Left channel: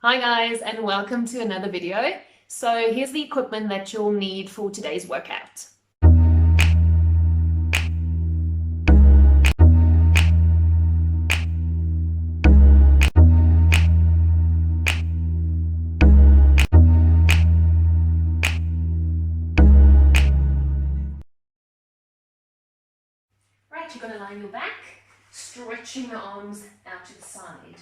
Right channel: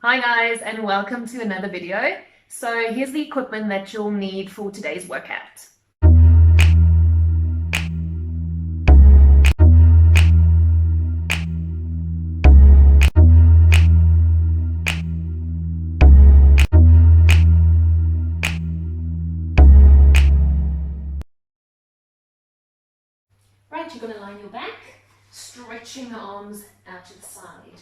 Hi guys, and welcome to another video. So here's the equipment that you'll need for today's workout. Right, you're going to lie on your back, stretching the arms out to the side.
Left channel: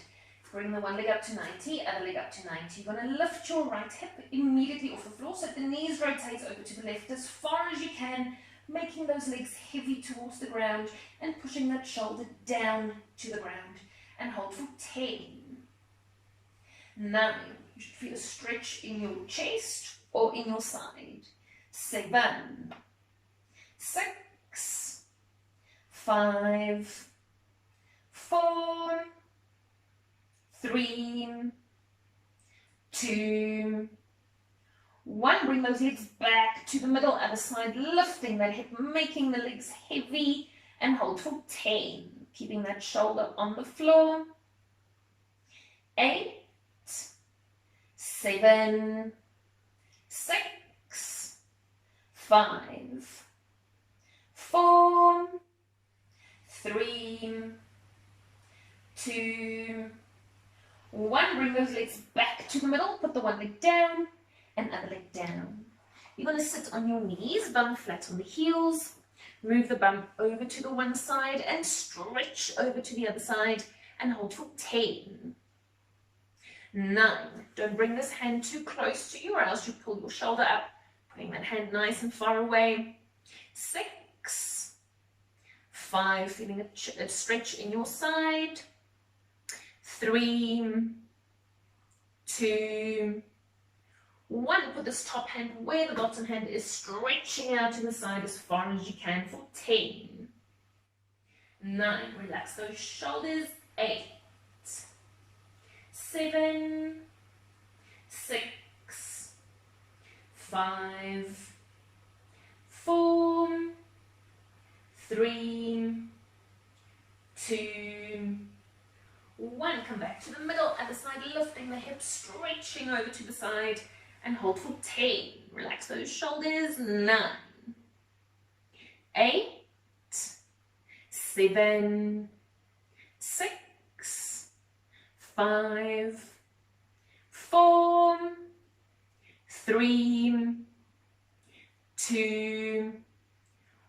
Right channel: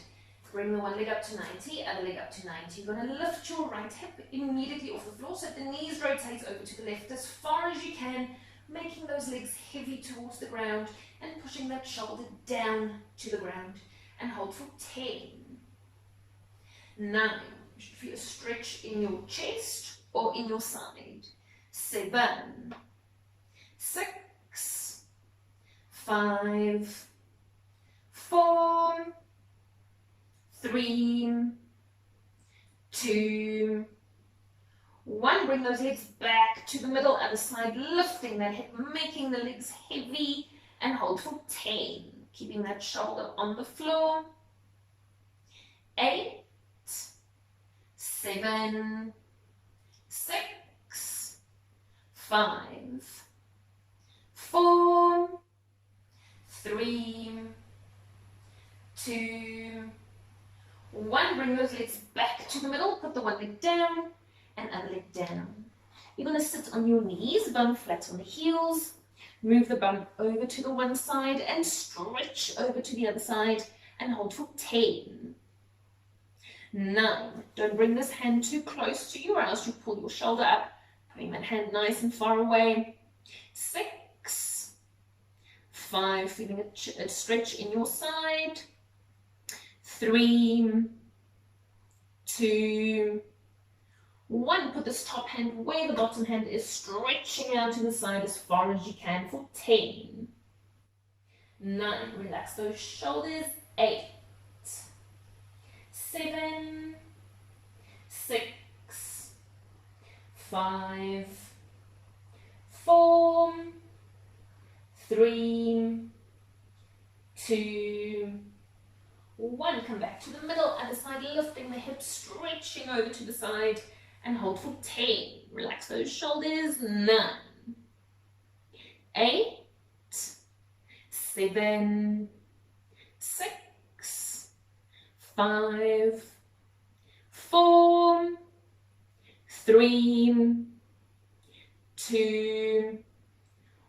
Bring the one leg up to 90, other leg up to 90. You're going to lift your right hip immediately off the floor so that the knees rotate over to the left as far as you can, making those legs heavy towards the ground and pushing that shoulder down to the ground. And hold for 10. 9. You should feel a stretch in your chest or in your side. 7. 6. 5. 4. 3, 2, 1. Bring those legs back to the middle, other side, lifting that hip, making the legs heavy, and hold for 10. Keeping that shoulder on the floor. 8, 7, 6, 5, 4, 3, 2, 1. Bring those legs back to the middle. Put the one leg down and other leg down. You're going to sit on your knees, bum flat on the heels. Move the bum over to the one side and stretch over to the other side and hold for 10. 9. Don't bring this hand too close to you or else you pull your shoulder up, putting that hand nice and far away. 6. 5. Feeling a stretch in your side. 3, 2, 1. Put this top hand where the bottom hand is, stretching out to the side as far as you can for 10. 9. Relax those shoulders. 8, 7, 6, 5, 4, 3, 2, 1. Come back to the middle, other side, lifting the hips, stretching over to the side, and hold for 10. Relax those shoulders. 9, 8, 7, 6, 5, 4, 3, 2,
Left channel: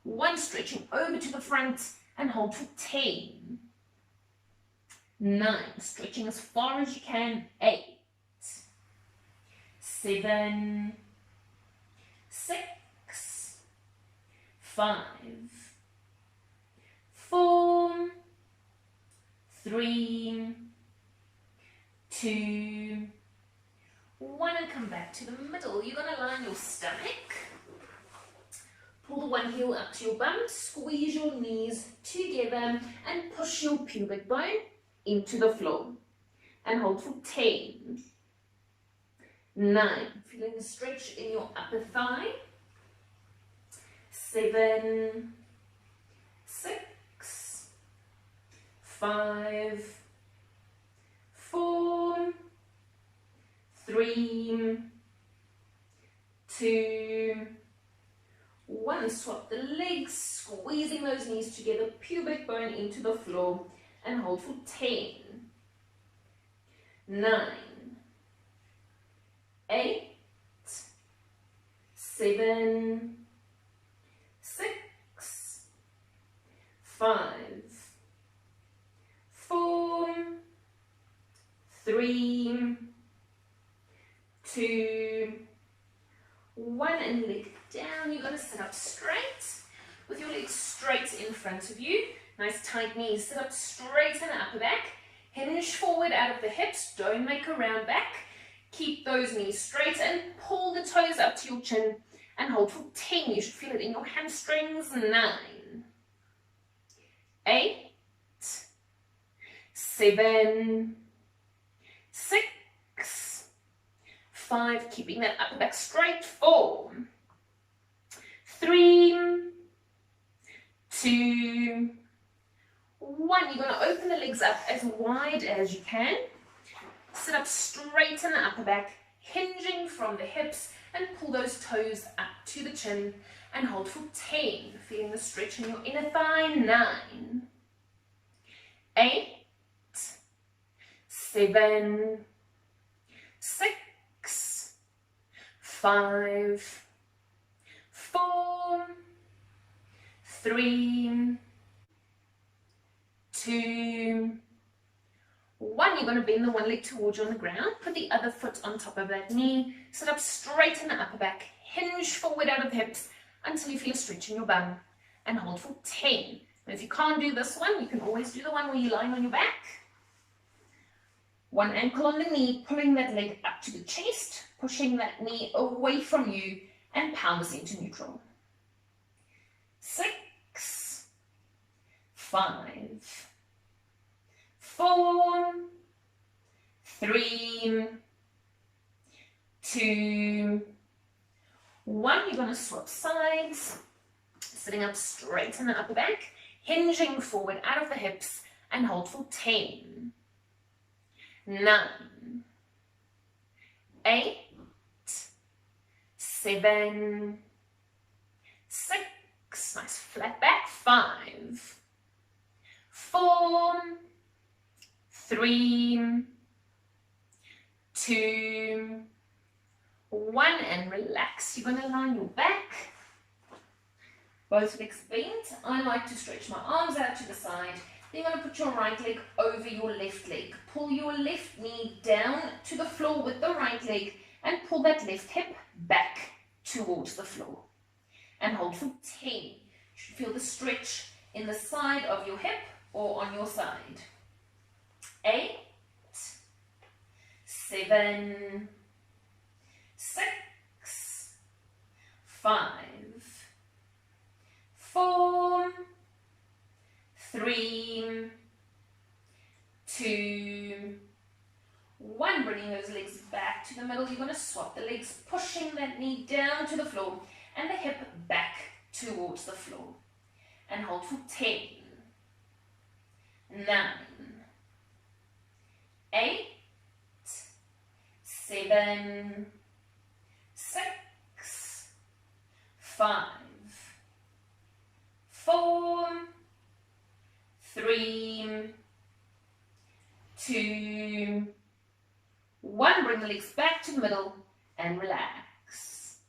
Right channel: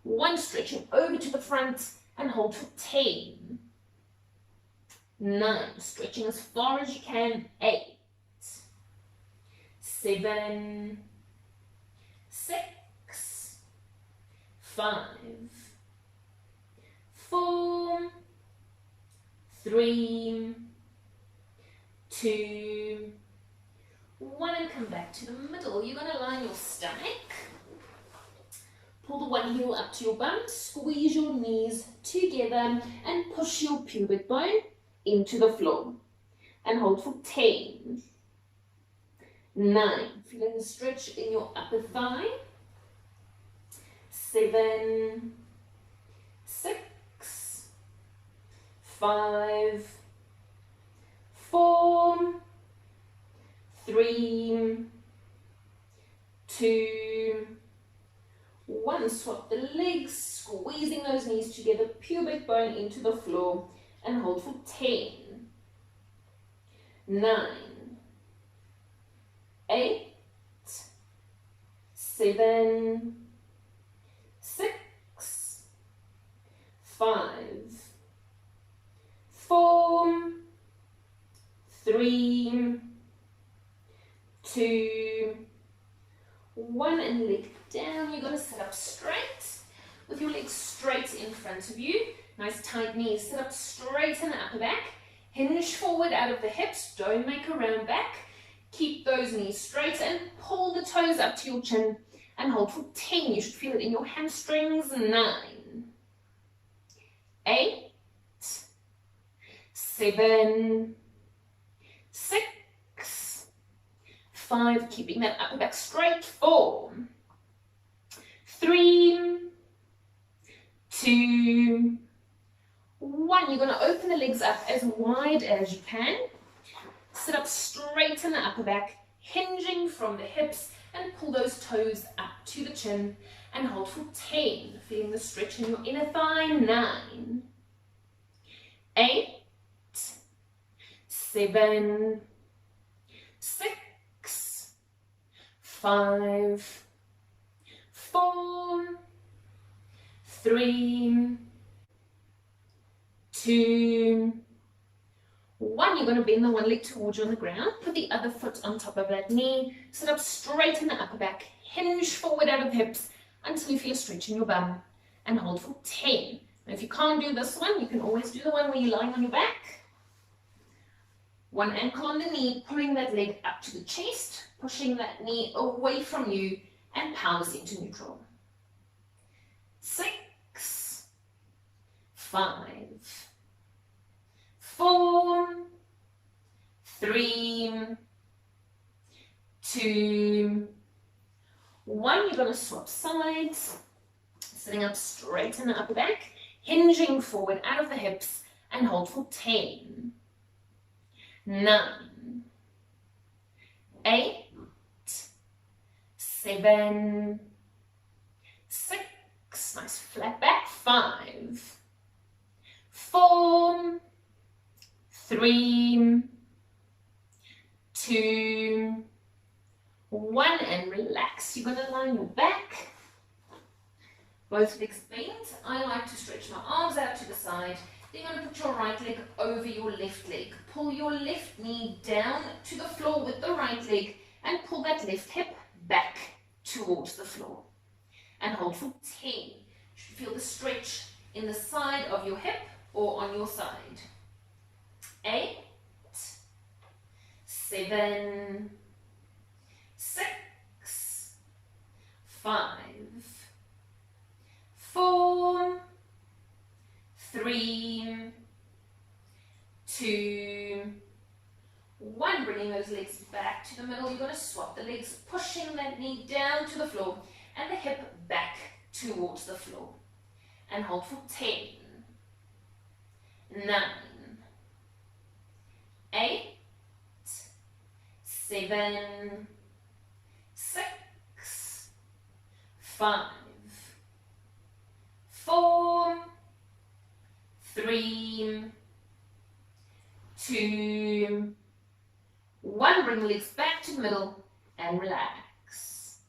1. Stretching over to the front and hold for 10. 9. Stretching as far as you can. 8, 7, 6, 5, 4, 3, 2, 1. And come back to the middle. You're going to lie on your stomach. Pull the one heel up to your bum. Squeeze your knees together and push your pubic bone into the floor and hold for 10. 9. Feeling a stretch in your upper thigh. 7, 6, 5, 4, 3, 2, 1. Swap the legs, squeezing those knees together, pubic bone into the floor, and hold for 10. 9, 8, 7, 6, 5, 4, 3, 2, 1. And leg down. You're going to sit up straight with your legs straight in front of you. Nice tight knees. Sit up straight in the upper back. Hinge forward out of the hips. Don't make a round back. Keep those knees straight and pull the toes up to your chin and hold for 10. You should feel it in your hamstrings. 9, 8, 7, 6, 5. Keeping that upper back straight. 4, 3, 2, 1. You're going to open the legs up as wide as you can. Sit up, straighten the upper back, hinging from the hips, and pull those toes up to the chin and hold for 10, feeling the stretch in your inner thigh. 9, 8, 7, 6, 5, 4, 3, 2, 1. You're going to bend the one leg towards you on the ground. Put the other foot on top of that knee. Sit up, straighten the upper back. Hinge forward out of the hips until you feel a stretch in your bum. And hold for 10. And if you can't do this one, you can always do the one where you're lying on your back. One ankle on the knee, pulling that leg up to the chest, pushing that knee away from you, and pound this into neutral. 6, 5, 4, 3, 2, 1. You're going to swap sides, sitting up straight in the upper back, hinging forward out of the hips, and hold for 10, 9, 8, 7, 6, nice flat back, 5, 4, 3, 2, 1, and relax. You're going to lie on your back, both legs bent. I like to stretch my arms out to the side. Then you're going to put your right leg over your left leg. Pull your left knee down to the floor with the right leg and pull that left hip back towards the floor. And hold for 10. You should feel the stretch in the side of your hip or on your side. 8, 7, 6, 5, 4, 3, 2, 1. Bringing those legs back to the middle. You're going to swap the legs, pushing that knee down to the floor and the hip back towards the floor. And hold for 10, 9, 8, 7, 6, 5, 4, 3, 2, 1. Bring the legs back to the middle and relax.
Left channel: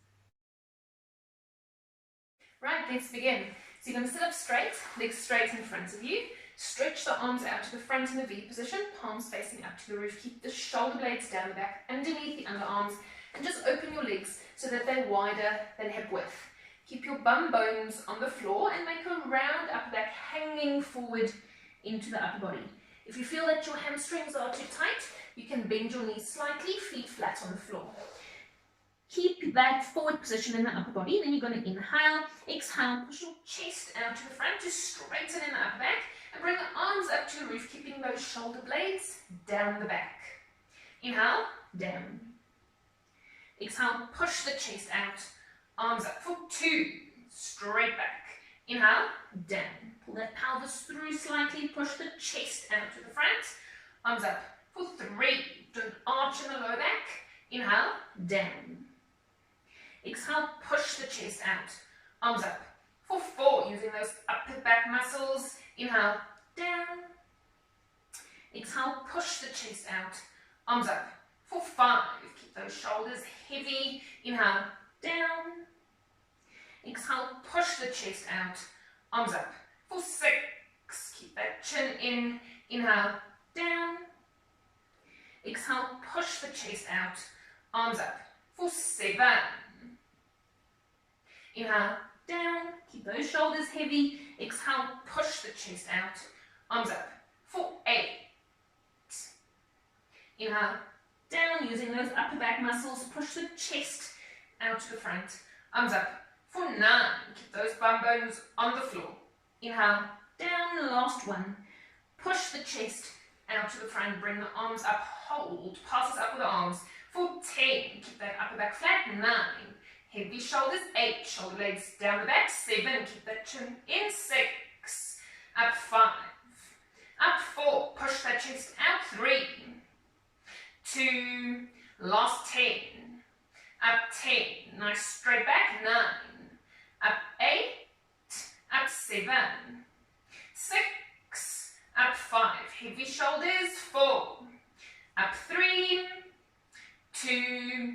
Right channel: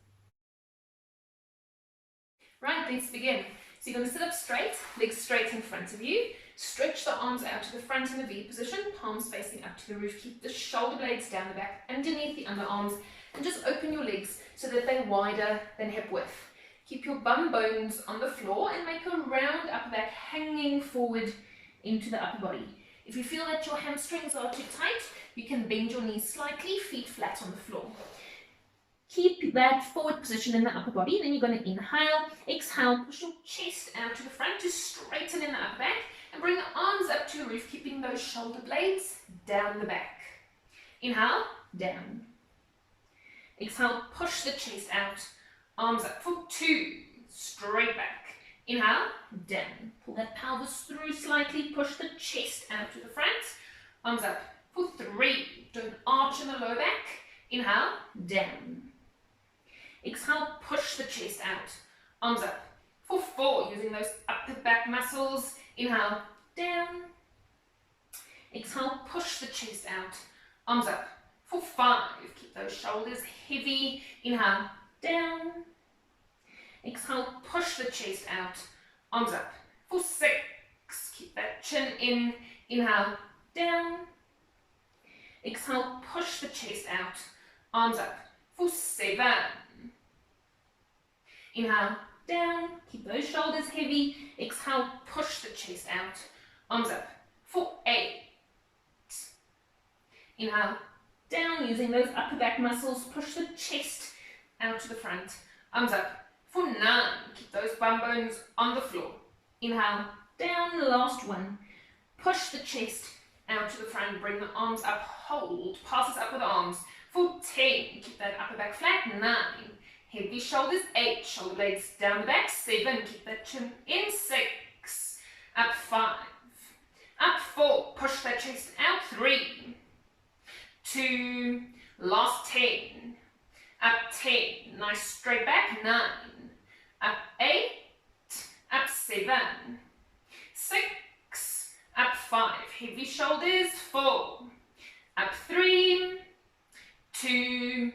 Right, let's begin. So you're going to sit up straight, legs straight in front of you. Stretch the arms out to the front in the V position, palms facing up to the roof. Keep the shoulder blades down the back, underneath the underarms, and just open your legs so that they're wider than hip width. Keep your bum bones on the floor and make a round upper back hanging forward into the upper body. If you feel that your hamstrings are too tight, you can bend your knees slightly, feet flat on the floor. Keep that forward position in the upper body. Then you're going to inhale, exhale, push your chest out to the front to straighten in the upper back. And bring the arms up to the roof, keeping those shoulder blades down the back. Inhale, down. Exhale, push the chest out. Arms up for 2, straight back. Inhale, down. Pull that pelvis through slightly, push the chest out to the front. Arms up for 3. Don't arch in the lower back. Inhale, down. Exhale, push the chest out. Arms up for 4, using those upper back muscles. Inhale, down. Exhale, push the chest out. Arms up for 5. Keep those shoulders heavy. Inhale, down. Exhale, push the chest out. Arms up for 6. Keep that chin in. Inhale, down. Exhale, push the chest out. Arms up for 7. Inhale, down. Keep those shoulders heavy. Exhale, push the chest out. Arms up for 8. Inhale, down, using those upper back muscles. Push the chest out to the front. Arms up for 9. Keep those bum bones on the floor. Inhale, down, last one. Push the chest out to the front. Bring the arms up, hold. Pass this up with the arms for 10. Keep that upper back flat. 9. Heavy shoulders. 8. Shoulder blades down the back. 7. Keep that chin in. 6. Up 5. Up 4. Push that chest out. 3. 2, last 10, up 10, nice straight back, 9, up 8, up 7, 6, up 5, heavy shoulders, 4, up 3, 2,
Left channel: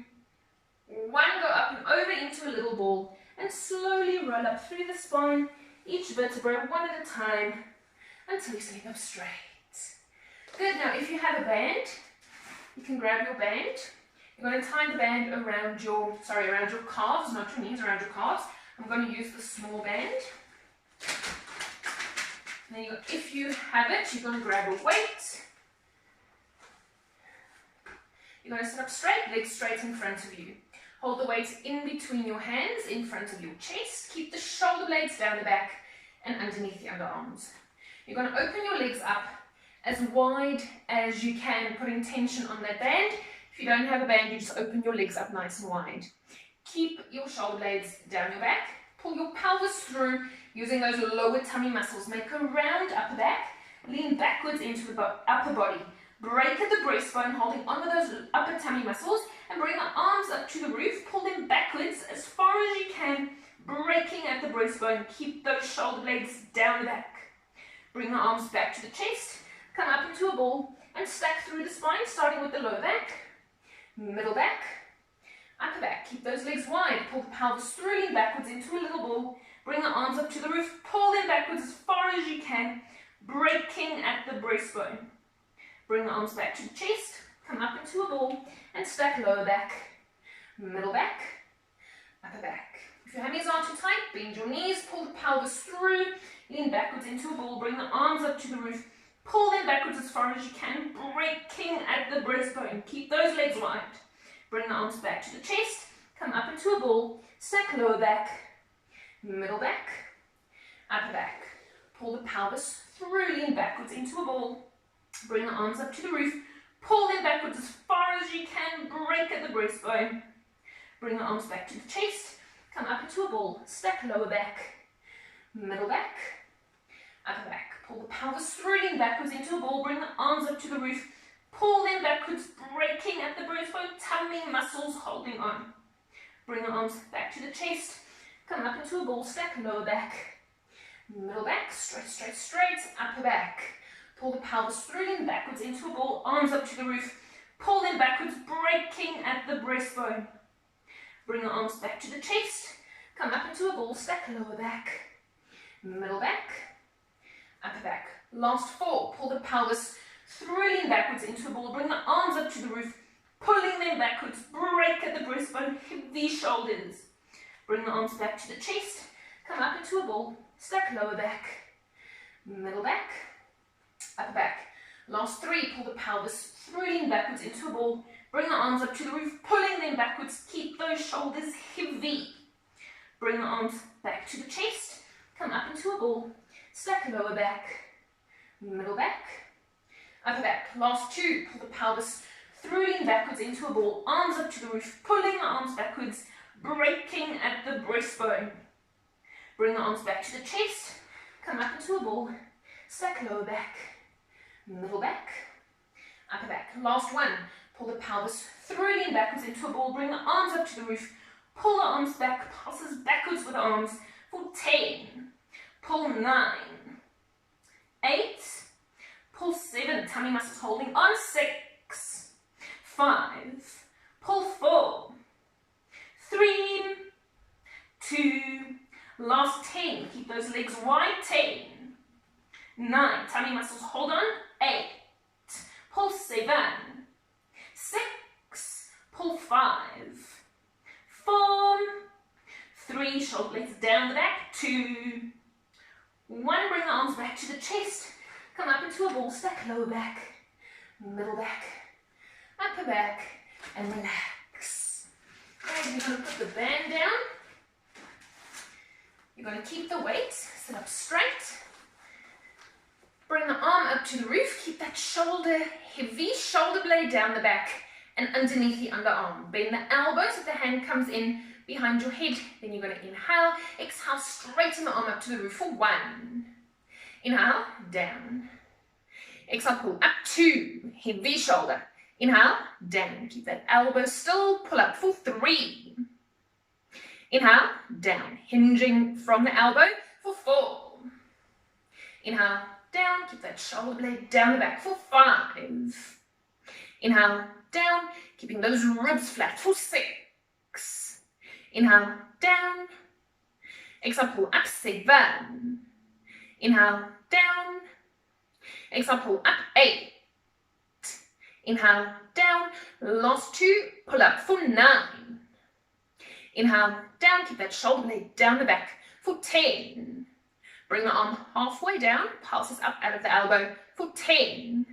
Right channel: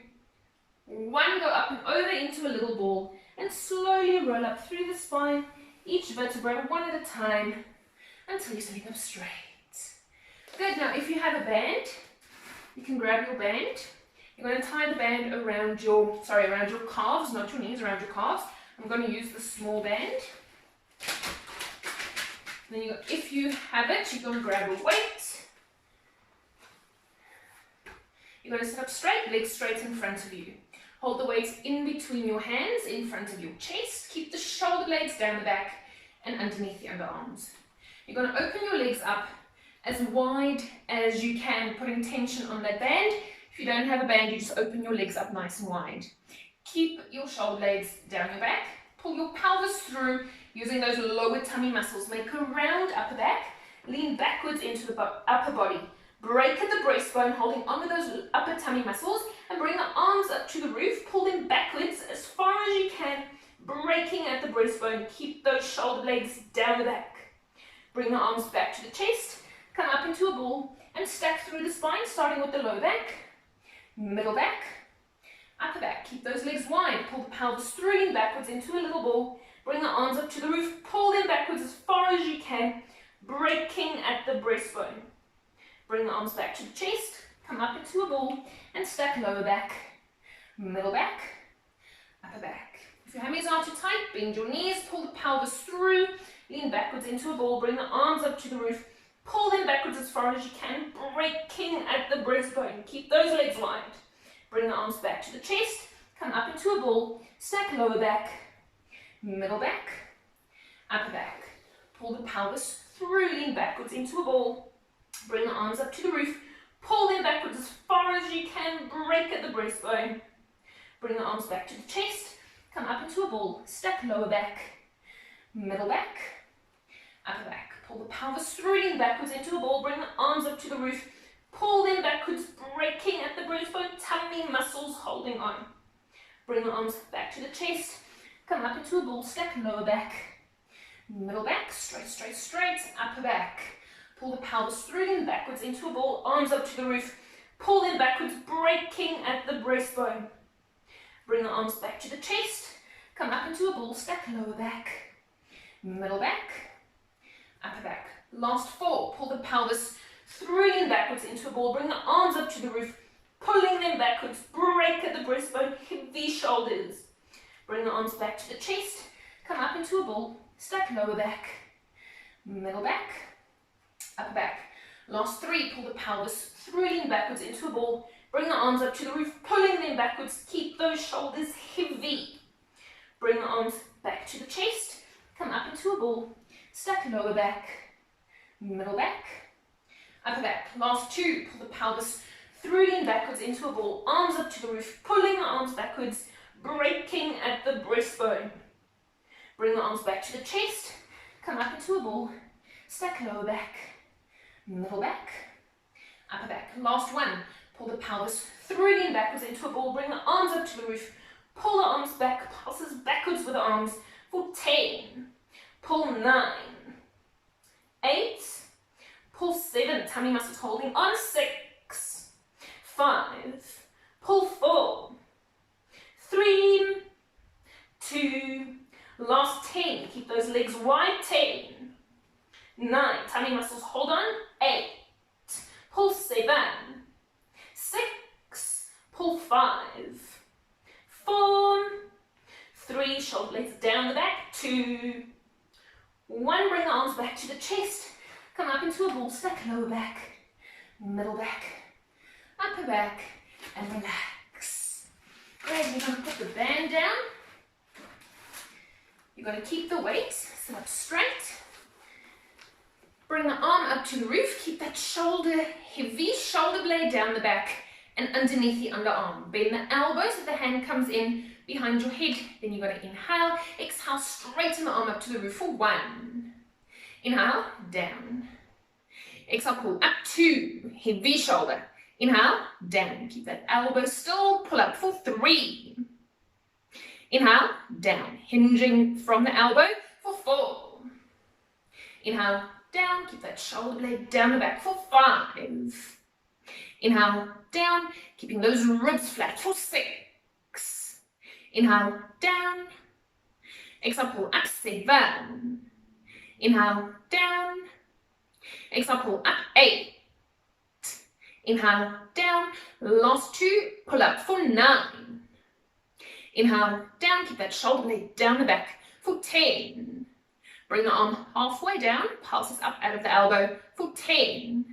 1, go up and over into a little ball and slowly roll up through the spine, each vertebra one at a time until you're sitting up straight. Good, now if you have a band, you can grab your band. You're going to tie the band around your calves, not your knees, around your calves. I'm going to use the small band. Then if you have it, you're going to grab a weight. You're going to sit up straight, legs straight in front of you. Hold the weight in between your hands, in front of your chest. Keep the shoulder blades down the back and underneath the underarms. You're going to open your legs up as wide as you can, putting tension on that band. If you don't have a band, you just open your legs up nice and wide. Keep your shoulder blades down your back. Pull your pelvis through using those lower tummy muscles. Make a round upper back. Lean backwards into the upper body. Break at the breastbone, holding on with those upper tummy muscles, and bring the arms up to the roof. Pull them backwards as far as you can, breaking at the breastbone. Keep those shoulder blades down the back. Bring the arms back to the chest. Come up into a ball and stack through the spine, starting with the lower back, middle back, upper back. Keep those legs wide. Pull the pelvis through, lean backwards into a little ball. Bring the arms up to the roof. Pull them backwards as far as you can, breaking at the breastbone. Bring the arms back to the chest. Come up into a ball and stack lower back, middle back, upper back. If your hammies are too tight, bend your knees. Pull the pelvis through, lean backwards into a ball. Bring the arms up to the roof. Pull them backwards as far as you can, breaking at the breastbone. Keep those legs wide. Bring the arms back to the chest. Come up into a ball. Stack lower back, middle back, upper back. Pull the pelvis through, lean backwards into a ball. Bring the arms up to the roof. Pull them backwards as far as you can, break at the breastbone. Bring the arms back to the chest. Come up into a ball. Stack lower back, middle back, upper back. Pull the pelvis through, lean backwards into a ball. Bring the arms up to the roof. Pull them backwards, breaking at the breastbone. Tummy muscles holding on. Bring the arms back to the chest. Come up into a ball. Stack lower back, middle back, straight, straight, straight, upper back. Pull the pelvis through, lean backwards into a ball. Arms up to the roof. Pull them backwards, breaking at the breastbone. Bring the arms back to the chest. Come up into a ball. Stack lower back, middle back, upper back. Last 4. Pull the pelvis through, lean backwards into a ball. Bring the arms up to the roof, pulling them backwards. Break at the breastbone, heavy shoulders. Bring the arms back to the chest. Come up into a ball. Stack lower back, middle back, upper back. Last 3. Pull the pelvis through, lean backwards into a ball. Bring the arms up to the roof, pulling them backwards. Keep those shoulders heavy. Bring the arms back to the chest. Come up into a ball. Stack lower back, middle back, upper back. Last 2. Pull the pelvis through, lean backwards into a ball. Arms up to the roof, pulling the arms backwards, breaking at the breastbone. Bring the arms back to the chest. Come up into a ball. Stack lower back, middle back, upper back. Last 1. Pull the pelvis through, lean backwards into a ball. Bring the arms up to the roof. Pull the arms back, pulses backwards with the arms for 10. Pull 9, 8, pull 7, tummy muscles holding on, 6, 5, pull 4, 3, 2, last 10, keep those legs wide, 10, 9, tummy muscles hold on, 8, pull 7, 6, pull 5, 4, 3, shoulder blades down the back, 2, 1, bring the arms back to the chest. Come up into a ball, stack lower back, middle back, upper back, and relax. Great, you're going to put the band down. You're going to keep the weight, sit up straight. Bring the arm up to the roof, keep that shoulder heavy, shoulder blade down the back and underneath the underarm. Bend the elbow so the hand comes in behind your head. Then you're going to inhale, exhale, straighten the arm up to the roof for 1. Inhale, down. Exhale, pull up, 2, heavy shoulder. Inhale, down. Keep that elbow still. Pull up for 3. Inhale, down. Hinging from the elbow for 4. Inhale, down. Keep that shoulder blade down the back for 5. Inhale, down. Keeping those ribs flat for 6. Inhale, down. Exhale, pull up 7. Inhale, down. Exhale, pull up 8. Inhale, down. Last 2, pull up for 9. Inhale, down. Keep that shoulder blade down the back for 10. Bring the arm halfway down. Pulses up out of the elbow for 10.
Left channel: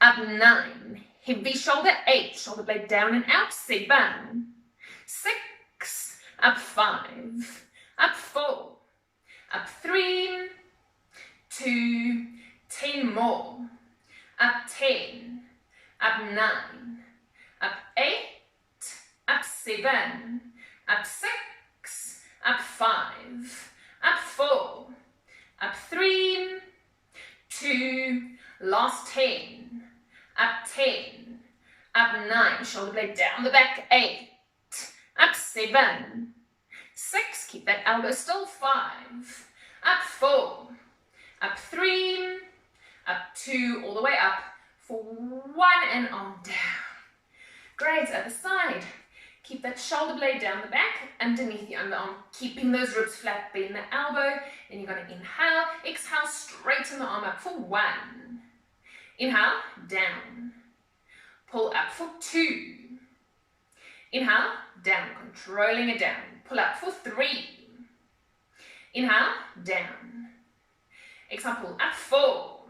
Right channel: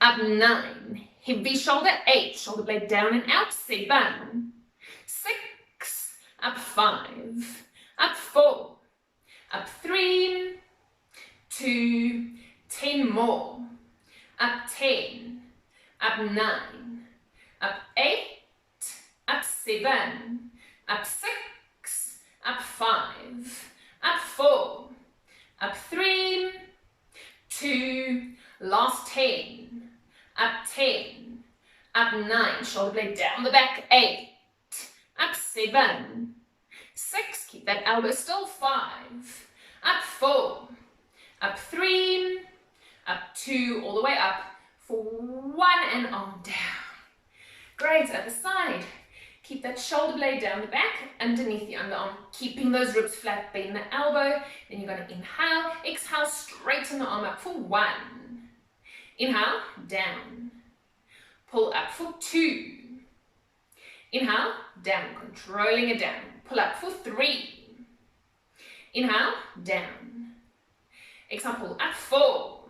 Up 9. Heavy shoulder. 8. Shoulder blade down and out. 7. 6. Up 5. Up 4. Up 3. 2. 10 more. Up 10. Up 9. Up 8. Up 7. Up 6. Up 5. Up 4. Up 3. 2. Last 10. Up 10. Up 9. Shoulder blade down the back. 8. Up 7. 6. Keep that elbow still. 5. Up 4. Up 3. Up 2. All the way up for 1 and arm down. Great. Other side. Keep that shoulder blade down the back, underneath the underarm, keeping those ribs flat, bend the elbow. Then you're going to inhale, exhale, straighten the arm up for 1. Inhale, down. Pull up for 2. Inhale, down, controlling it down. Pull up for 3. Inhale, down. Exhale, pull up 4.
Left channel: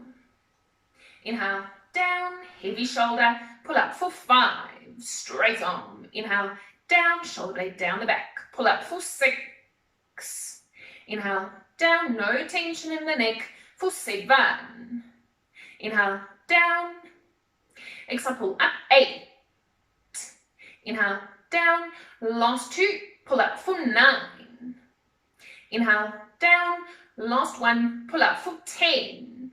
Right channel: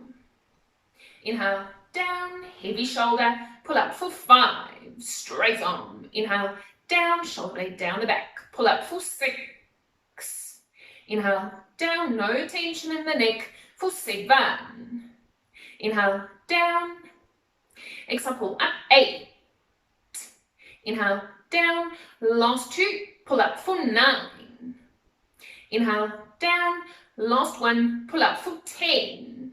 Inhale, down, heavy shoulder, pull up for 5. Straight arm. Inhale, down, shoulder blade down the back. Pull up for 6. Inhale, down, no tension in the neck for 7. Inhale, down. Exhale, pull up 8. Inhale, down. Last 2, pull up for 9. Inhale, down. Last 1, pull up for 10.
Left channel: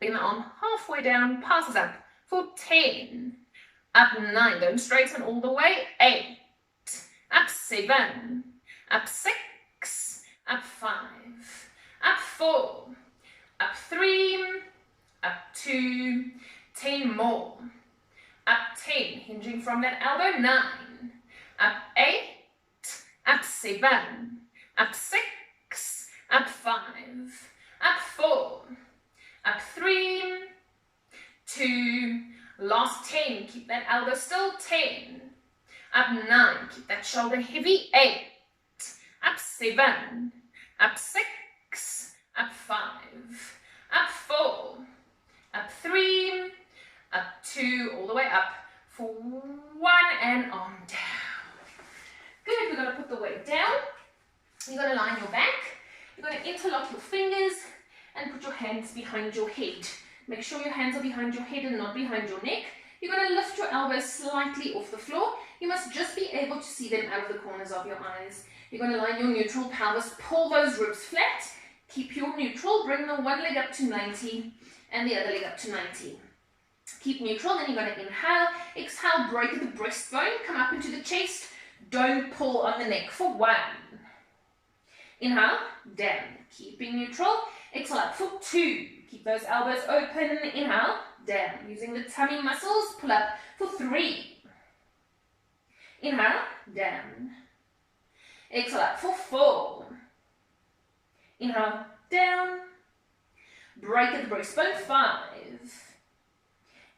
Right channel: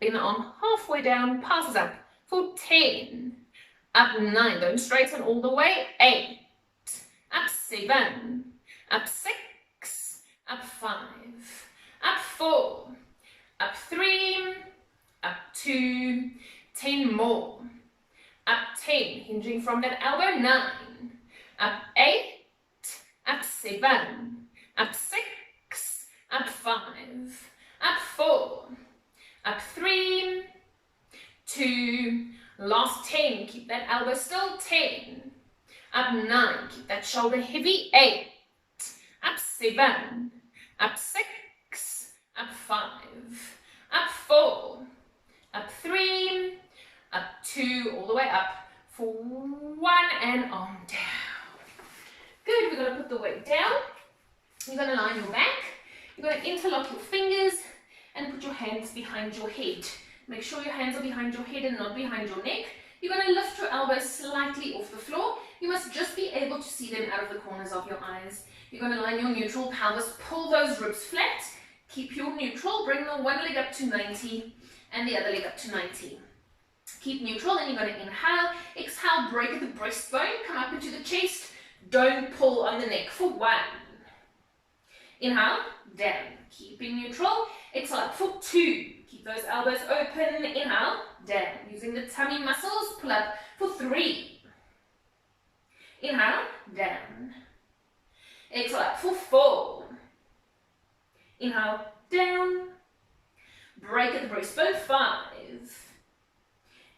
Bring the arm halfway down, passes up for 10. Up 9, don't straighten all the way. 8. Up 7. Up 6. Up 5. Up 4. Up 3. Up 2. 10 more. Up 10, hinging from that elbow. 9. Up 8. Up 7. Up 6. Up 5. Up 4. Up 3. 2. Last 10, keep that elbow still. 10. Up 9, keep that shoulder heavy. 8. Up 7. Up 6. Up 5. Up 4. Up 3. Up 2. All the way up for 1 and arm down. Good, we're going to put the weight down. You're going to lie on your back. You're going to interlock your fingers and put your hands behind your head. Make sure your hands are behind your head and not behind your neck. You're going to lift your elbows slightly off the floor. You must just be able to see them out of the corners of your eyes. You're going to line your neutral pelvis, pull those ribs flat. Keep your neutral, bring the one leg up to 90 and the other leg up to 90. Keep neutral, then you're going to inhale, exhale, break at the breastbone, come up into the chest. Don't pull on the neck for 1. Inhale, down, keeping neutral. Exhale up for 2. Keep those elbows open. Inhale, down. Using the tummy muscles, pull up for 3. Inhale, down. Exhale up for 4. Inhale, down. Break at the breastbone. 5.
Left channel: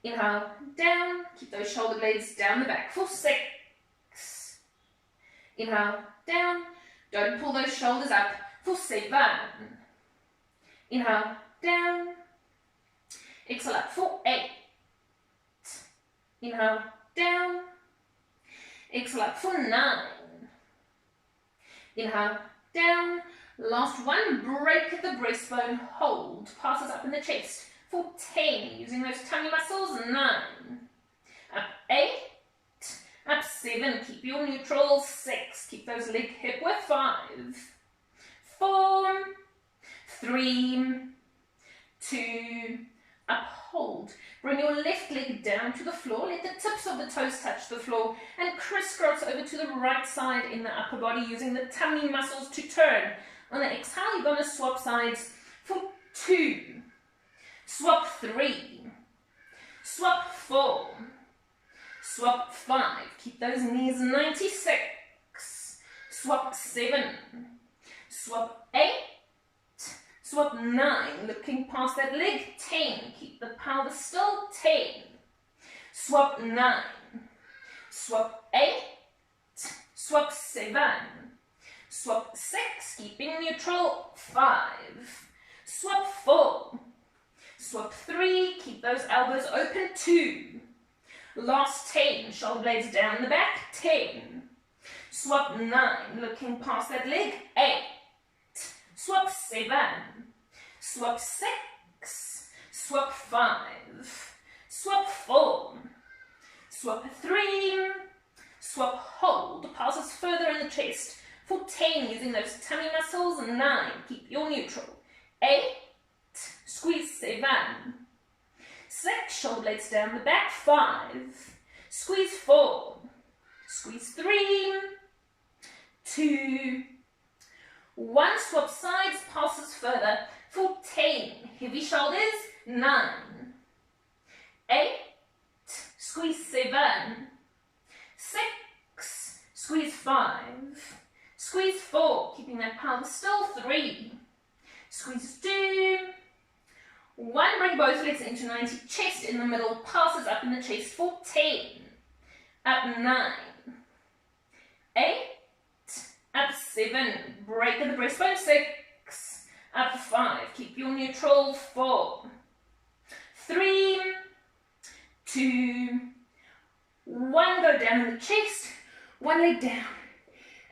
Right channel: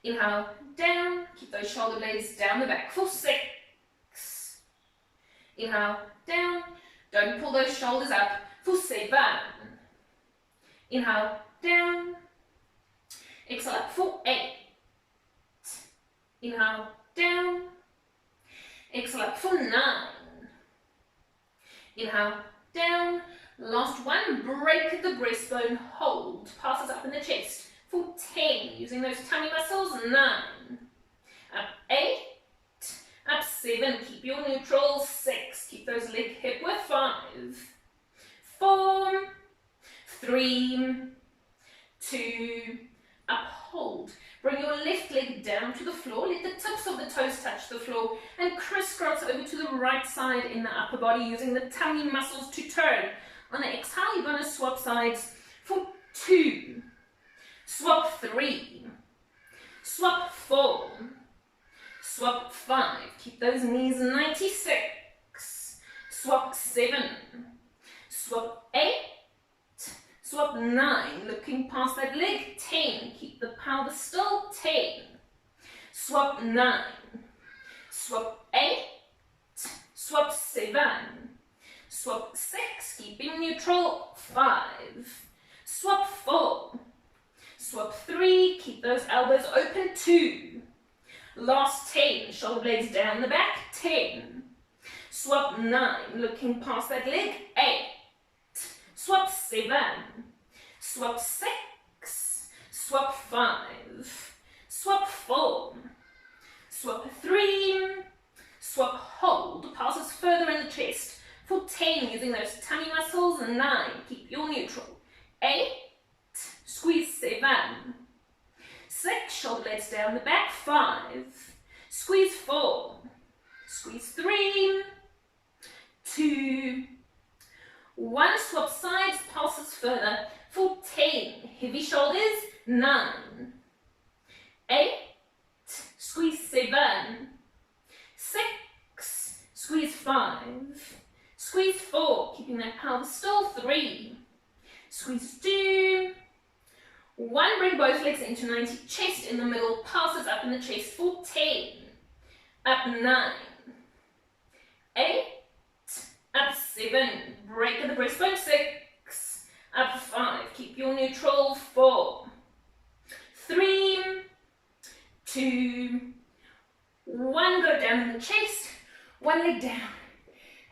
Inhale, down. Keep those shoulder blades down the back for 6. Inhale, down. Don't pull those shoulders up for 7. Inhale, down. Exhale up for 8. Inhale, down. Exhale up for 9. Inhale, down. Last 1, break at the breastbone, hold. Passes up in the chest for 10, using those tummy muscles. 9. Up 8. Up 7, keep your neutral. 6, keep those leg hip width. 5. 4. 3. 2. Up, hold. Bring your left leg down to the floor. Let the tips of the toes touch the floor and crisscross over to the right side in the upper body using the tummy muscles to turn. On the exhale, you're going to swap sides for 2, swap 3, swap 4, swap 5. Keep those knees 96. Swap 7, swap 8, swap 9, looking past that leg, 10, keep the pelvis still, 10, swap 9, swap 8, swap 7, swap 6, keeping neutral, 5, swap 4, swap 3, keep those elbows open, 2, last 10, shoulder blades down the back, 10, swap 9, looking past that leg, 8, swap 7, swap 6, swap 5, swap 4, swap 3, swap hold, passes further in the chest for 10 using those tummy muscles, 9, keep your neutral, 8, squeeze 7, 6, shoulder blades down the back, 5, squeeze 4, squeeze 3, 2, 1, swap sides, pulses further for 10, heavy shoulders, 9, 8, squeeze 7, 6, squeeze 5, squeeze 4, keeping that pelvis still, 3, squeeze 2, 1, bring both legs into 90, chest in the middle, pulses up in the chest for 10, up 9, 8, up 7, break at the breastbone, 6, up 5, keep your neutral, 4, 3, 2, 1, go down in the chest, 1 leg down,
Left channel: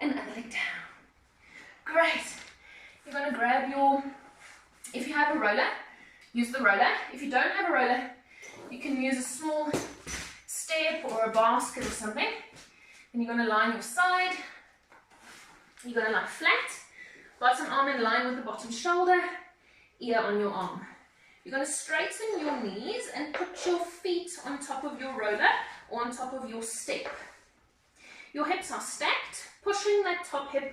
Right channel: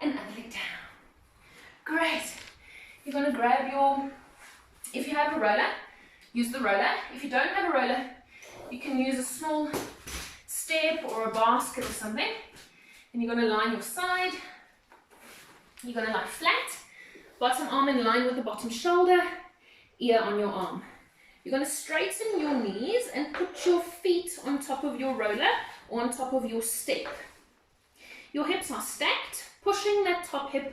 and other leg down. Great. You're going to grab your, if you have a roller, use the roller. If you don't have a roller, you can use a small step or a basket or something. And you're going to line your side. You're going to lie flat, bottom arm in line with the bottom shoulder, ear on your arm. You're going to straighten your knees and put your feet on top of your roller or on top of your step. Your hips are stacked, pushing that top hip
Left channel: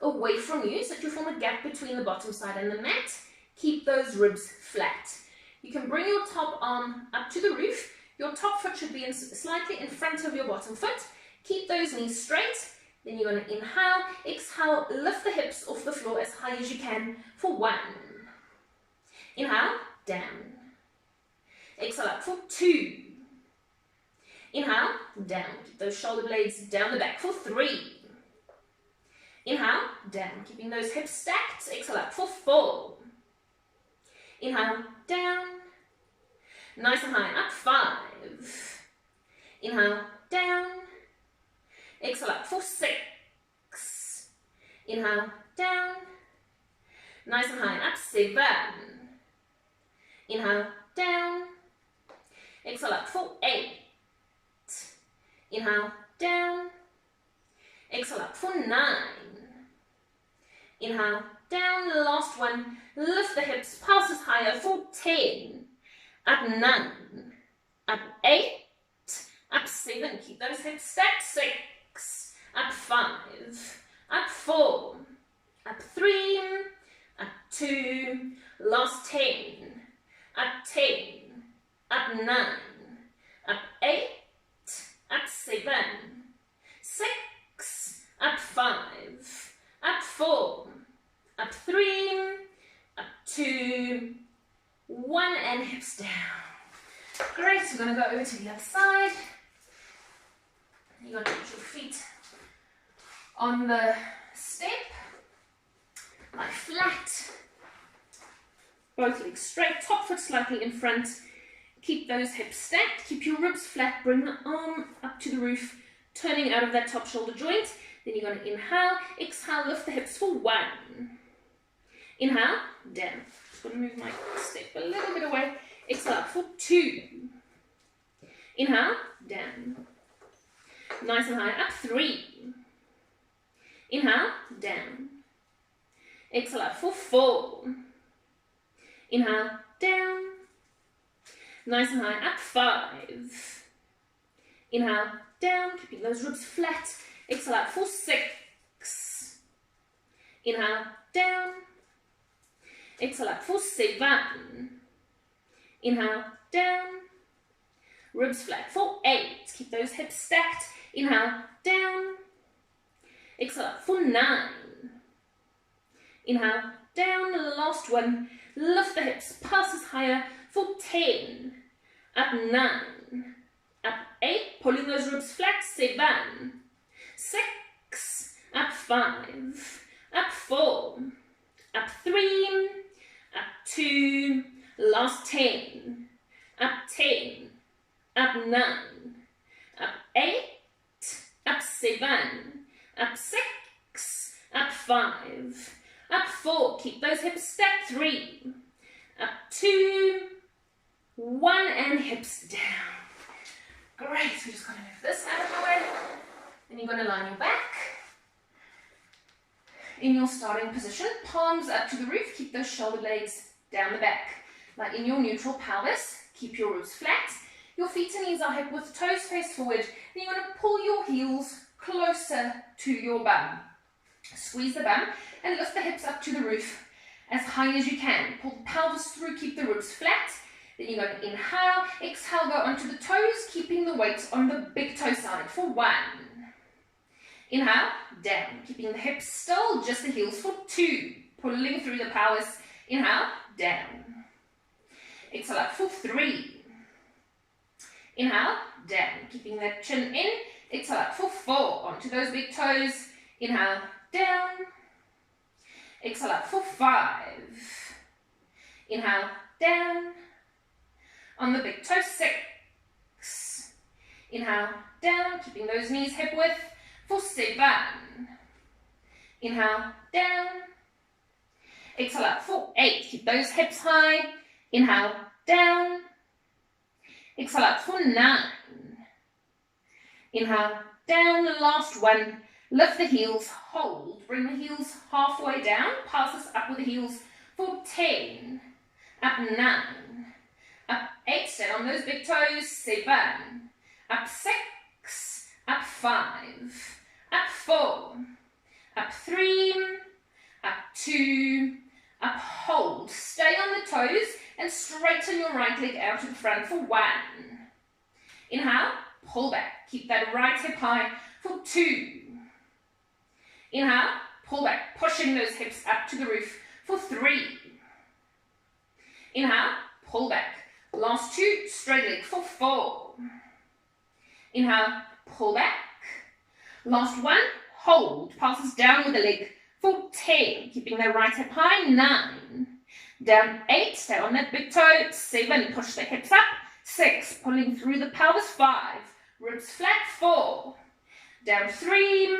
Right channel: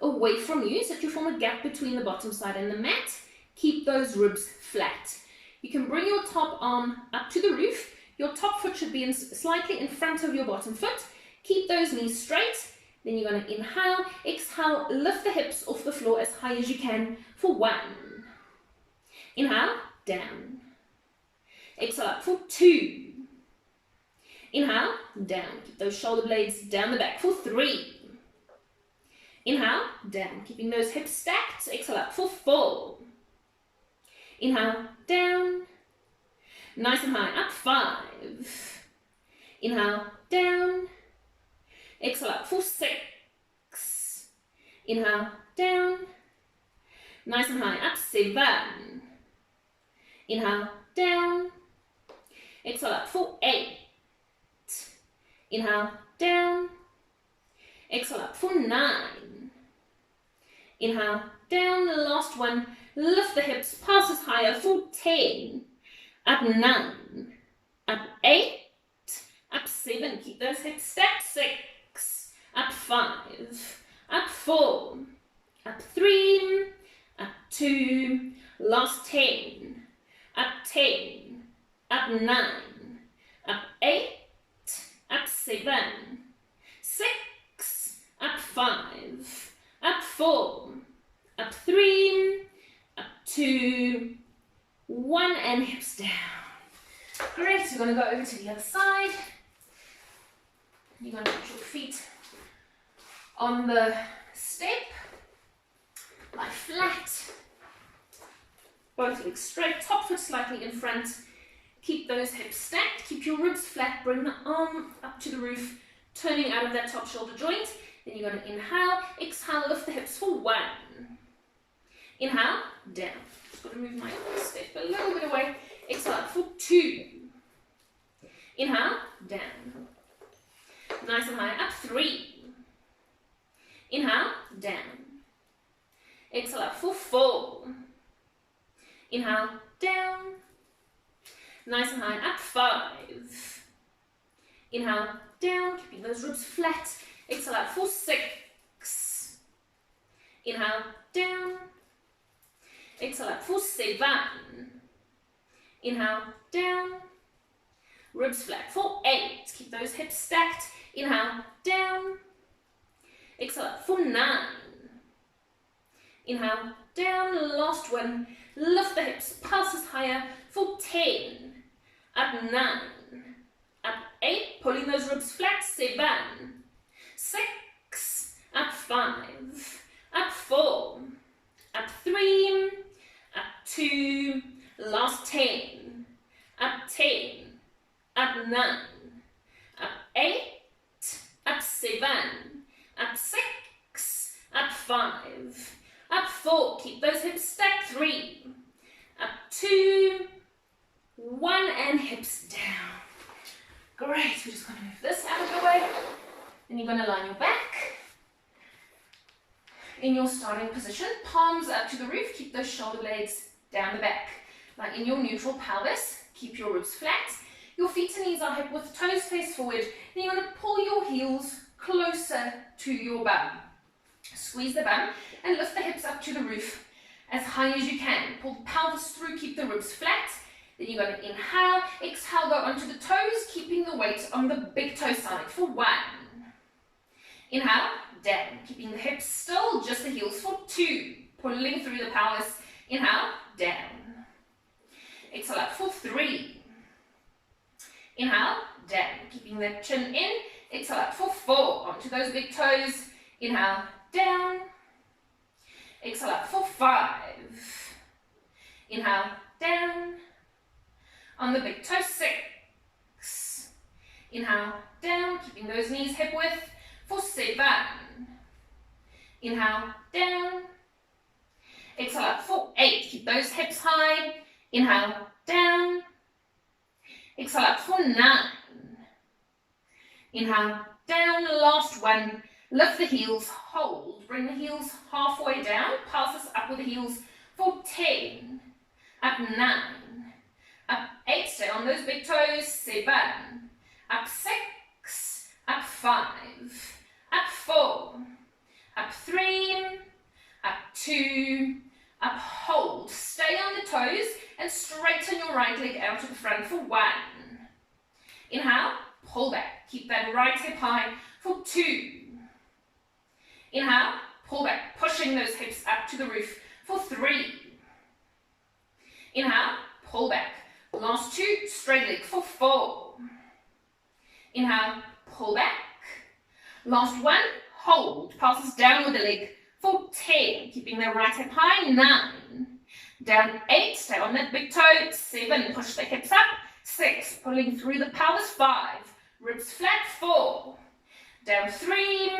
away from you so that you form a gap between the bottom side and the mat. Keep those ribs flat. You can bring your top arm up to the roof. Your top foot should be slightly in front of your bottom foot. Keep those knees straight. Then you're going to inhale, exhale, lift the hips off the floor as high as you can for 1. Inhale, down. Exhale up for 2. Inhale, down. Keep those shoulder blades down the back for 3. Inhale, down. Keeping those hips stacked. Exhale up for 4. Inhale, down. Nice and high, up 5. Inhale, down. Exhale up for 6. Inhale, down. Nice and high, up 7. Inhale, down. Exhale up for 8. Inhale, down. Exhale up for 9. Inhale, down. The last one. Lift the hips, pulses higher for 10. Up 9. Up 8. Up 7. Keep those hips stacked. 6. Up 5. Up 4. Up 3. Up 2. Last 10. Up 10. Up 9. Up 8. Up 7. 6. Up 5. Up 4. Up 3. Up 2. 1, and hips down. Great, we're going to go over to the other side. You're going to put your feet on the step, lie flat, both legs straight, top foot slightly in front. Keep those hips stacked, keep your ribs flat, bring the arm up to the roof, turning out of that top shoulder joint. Then you're going to inhale, exhale, lift the hips for 1. Inhale, down. Just going to move my step a little bit away. Exhale up for 2. Inhale, down. Nice and high, up 3. Inhale, down. Exhale up for 4. Inhale, down. Nice and high. Up 5. Inhale, down, keeping those ribs flat. Exhale out for 6. Inhale, down. Exhale out for 7. Inhale, down. Ribs flat for 8. Keep those hips stacked. Inhale, down. Exhale out for 9. Inhale, down. Last one. Lift the hips. Pulses higher for 10. Up 9. Up 8. Pulling those ribs flat. 7. 6. Up 5. Up 4. Up 3. Up 2. Last 10. Up 10. Up 9. Up 8. Up 7. Up 6. Up 5. Up 4. Keep those hips stacked. 3. Up 2. 1 and hips down. Great. We're just going to move this out of the way. Then you're going to line your back in your starting position. Palms up to the roof. Keep those shoulder blades down the back. Like in your neutral pelvis, keep your ribs flat. Your feet and knees are hip width, toes face forward. Then you're going to pull your heels closer to your bum. Squeeze the bum and lift the hips up to the roof as high as you can. Pull the pelvis through, keep the ribs flat. Then you're going to inhale, exhale, go onto the toes, keeping the weight on the big toe side for 1. Inhale, down, keeping the hips still, just the heels for 2. Pulling through the pelvis. Inhale, down. Exhale up for 3. Inhale, down, keeping that chin in. Exhale up for 4. Onto those big toes. Inhale, down. Exhale up for 5. Inhale, down. On the big toe, 6. Inhale, down, keeping those knees hip width for 7. Inhale, down. Exhale up for 8. Keep those hips high. Inhale, down. Exhale up for 9. Inhale, down. Last one. Lift the heels, hold. Bring the heels halfway down. Pass this up with the heels for 10. Up 9. Up 8. Stay on those big toes. 7. Up 6. Up 5. Up 4. Up 3. Up 2. Up, hold. Stay on the toes and straighten your right leg out to the front for 1. Inhale, pull back. Keep that right hip high for 2. Inhale, pull back, pushing those hips up to the roof for 3. Inhale, pull back. Last 2, straight leg for 4. Inhale, pull back. Last 1, hold. Passes down with the leg for 10. Keeping that right hip high. 9. Down 8, stay on that big toe. 7, push the hips up. 6, pulling through the pelvis. 5, ribs flat. 4, down 3,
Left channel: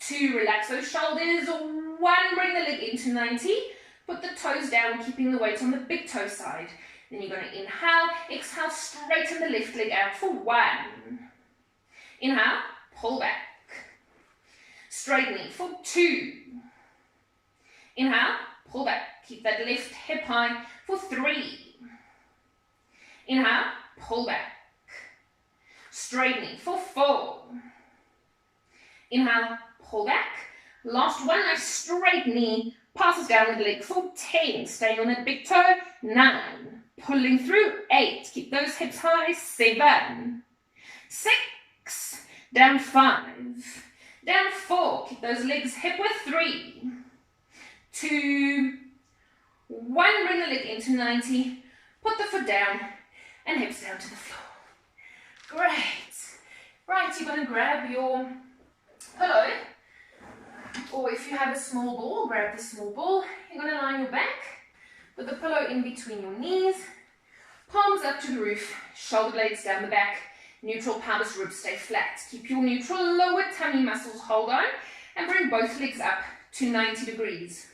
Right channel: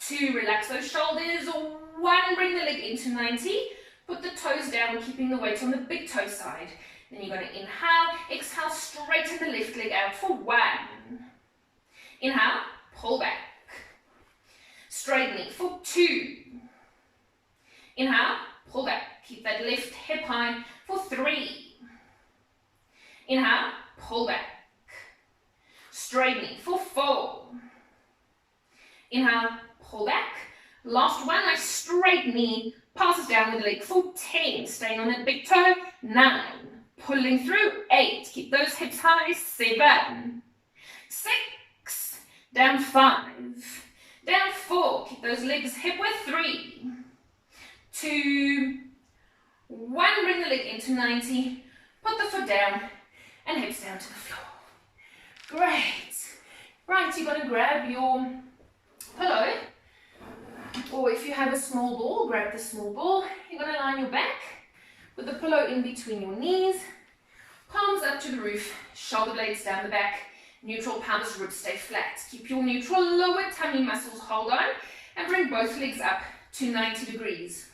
2, relax those shoulders. 1, bring the leg into 90. Put the toes down, keeping the weight on the big toe side. Then you're going to inhale, exhale, straighten the left leg out for 1. Inhale, pull back. Straight knee for 2. Inhale, pull back. Keep that left hip high for 3. Inhale, pull back. Straight knee for 4. Inhale, pull back. Last one, nice straight knee. Passes down with the leg for 10. Staying on that big toe. 9. Pulling through. 8. Keep those hips high. 7. 6. Down 5. Down 4. Keep those legs hip width. 3. 2. 1. Bring the leg into 90. Put the foot down and hips down to the floor. Great. Right, you're going to grab your pillow, or if you have a small ball, grab the small ball. You're going to lie on your back with the pillow in between your knees, palms up to the roof, shoulder blades down the back, neutral pelvis, ribs stay flat. Keep your neutral lower tummy muscles hold on and bring both legs up to 90 degrees.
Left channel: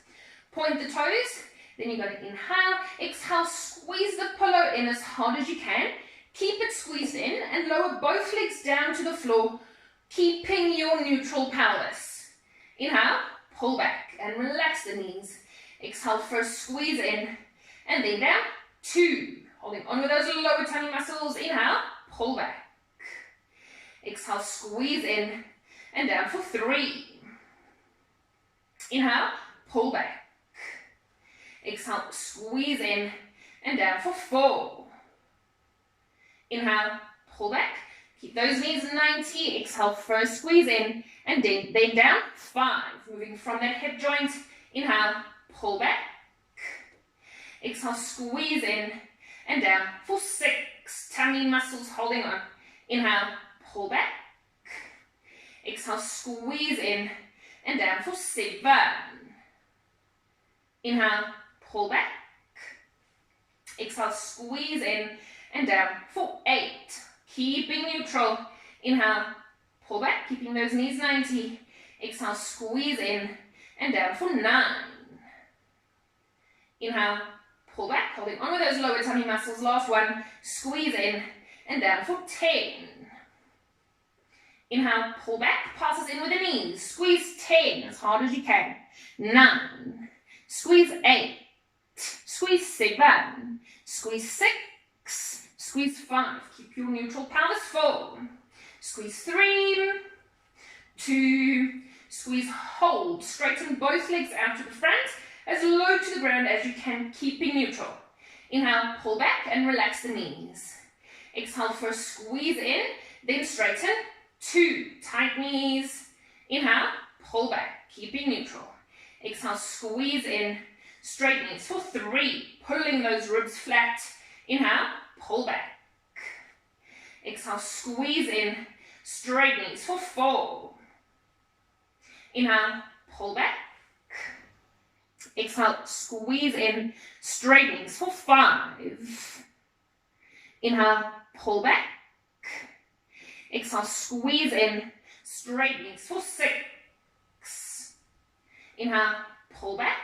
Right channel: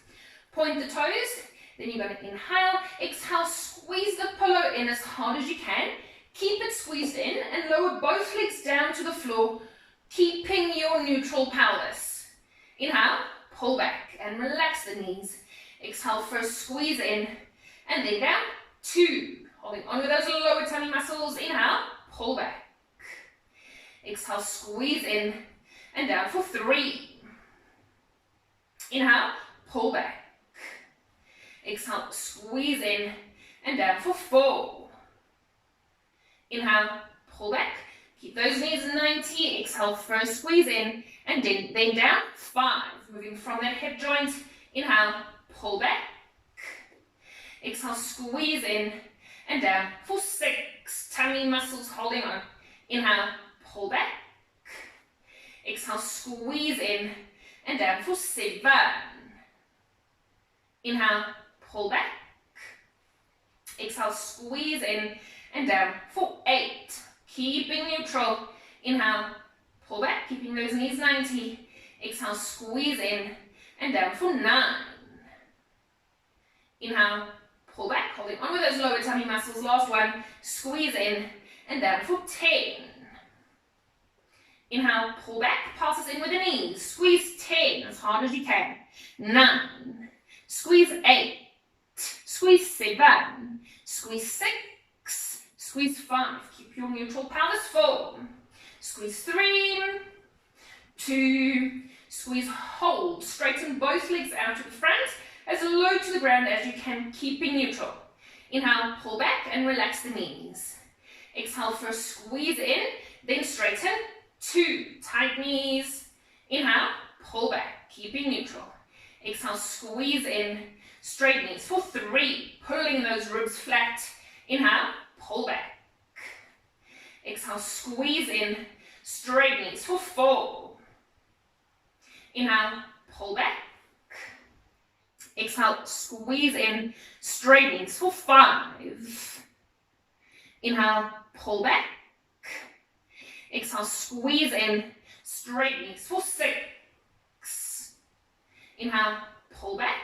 Point the toes, then you're going to inhale, exhale, squeeze the pillow in as hard as you can. Keep it squeezed in and lower both legs down to the floor, keeping your neutral pelvis. Inhale, pull back and relax the knees. Exhale, first squeeze in and then down. 2, Holding on with those lower tummy muscles. Inhale, pull back. Exhale, squeeze in and down for 3. Inhale, pull back. Exhale, squeeze in and down for 4. Inhale, pull back. Keep those knees 90. Exhale, first squeeze in and then down. 5. Moving from that hip joint. Inhale, pull back. Exhale, squeeze in and down for 6. Tummy muscles holding on. Inhale, pull back. Exhale, squeeze in and down for 7. Inhale, pull back. Exhale, squeeze in and down for 8. Keeping neutral. Inhale, pull back, keeping those knees 90. Exhale, squeeze in and down for 9. Inhale, pull back, holding on with those lower tummy muscles. Last one, squeeze in and down for 10. Inhale, pull back, passes in with the knees. Squeeze 10 as hard as you can. 9. Squeeze 8. Squeeze 7. Squeeze 6. Squeeze 5. Keep your neutral pelvis. 4. Squeeze 3. 2. Squeeze, hold. Straighten both legs out to the front, as low to the ground as you can, keeping neutral. Inhale, pull back and relax the knees. Exhale, first squeeze in, then straighten. 2, tight knees. Inhale, pull back, keeping neutral. Exhale, squeeze in, straight knees for 3, pulling those ribs flat. Inhale, pull back. Exhale, squeeze in, straight knees for 4. Inhale, pull back. Exhale, squeeze in, straight knees for 5. Inhale, pull back. Exhale, squeeze in, straight knees for 6. Inhale, pull back.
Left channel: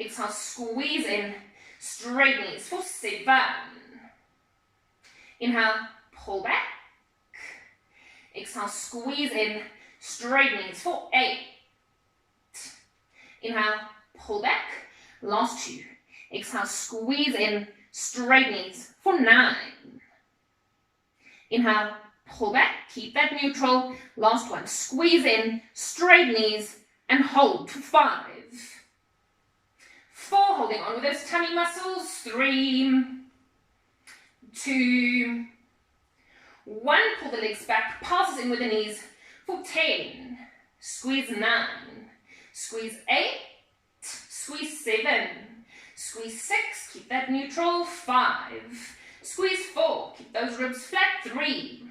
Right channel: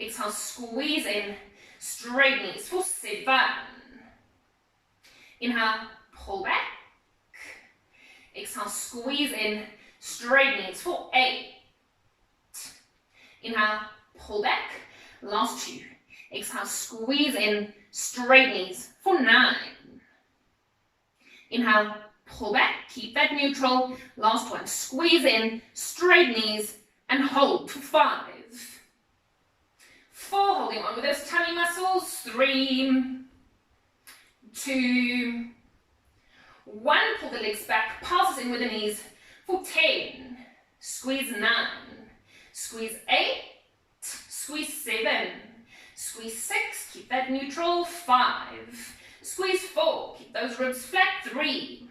Exhale, squeeze in, straight knees for 7. Inhale, pull back. Exhale, squeeze in, straight knees for 8. Inhale, pull back. Last 2. Exhale, squeeze in, straight knees for 9. Inhale, pull back. Keep that neutral. Last one. Squeeze in, straight knees, and hold for 5. 4. Holding on with those tummy muscles. 3. 2. 1. Pull the legs back. Passes in with the knees for 10. Squeeze 9. Squeeze 8. Squeeze 7. Squeeze 6. Keep that neutral. 5. Squeeze 4. Keep those ribs flat. 3.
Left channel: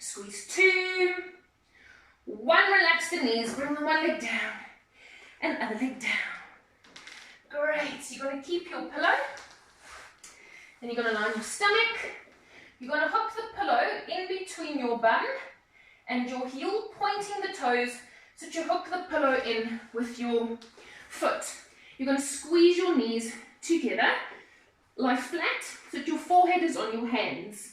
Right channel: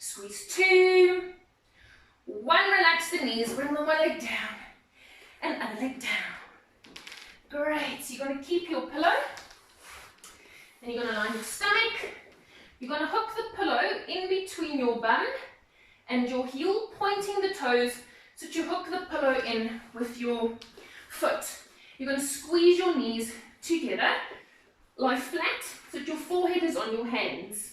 Squeeze 2. 1. Relax the knees. Bring the one leg down and other leg down. Great. So you're going to keep your pillow. Then you're going to line your stomach. You're going to hook the pillow in between your bum and your heel, pointing the toes so that you hook the pillow in with your foot. You're going to squeeze your knees together. Lie flat so that your forehead is on your hands.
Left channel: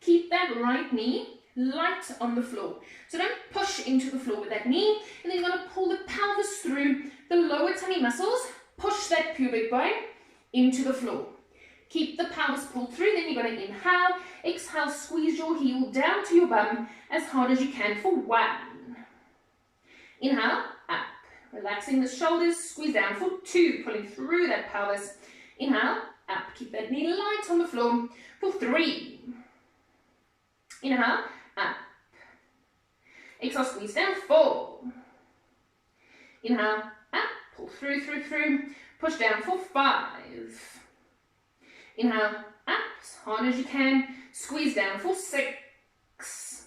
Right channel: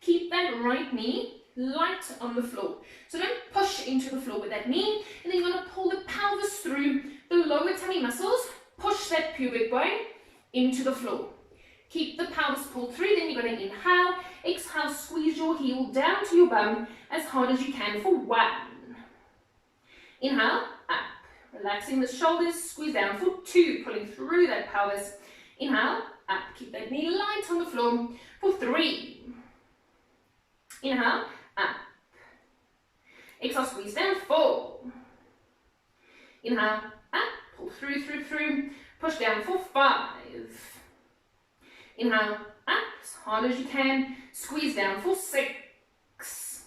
Keep that right knee light on the floor. So don't push into the floor with that knee. And then you're going to pull the pelvis through the lower tummy muscles. Push that pubic bone into the floor. Keep the pelvis pulled through. Then you're going to inhale, exhale, squeeze your heel down to your bum as hard as you can for 1. Inhale, up. Relaxing the shoulders, squeeze down for 2, pulling through that pelvis. Inhale, up. Keep that knee light on the floor for 3. Inhale, up. Exhale, squeeze down, 4. Inhale, up. Pull through. Push down for 5. Inhale, up as hard as you can. Squeeze down for 6.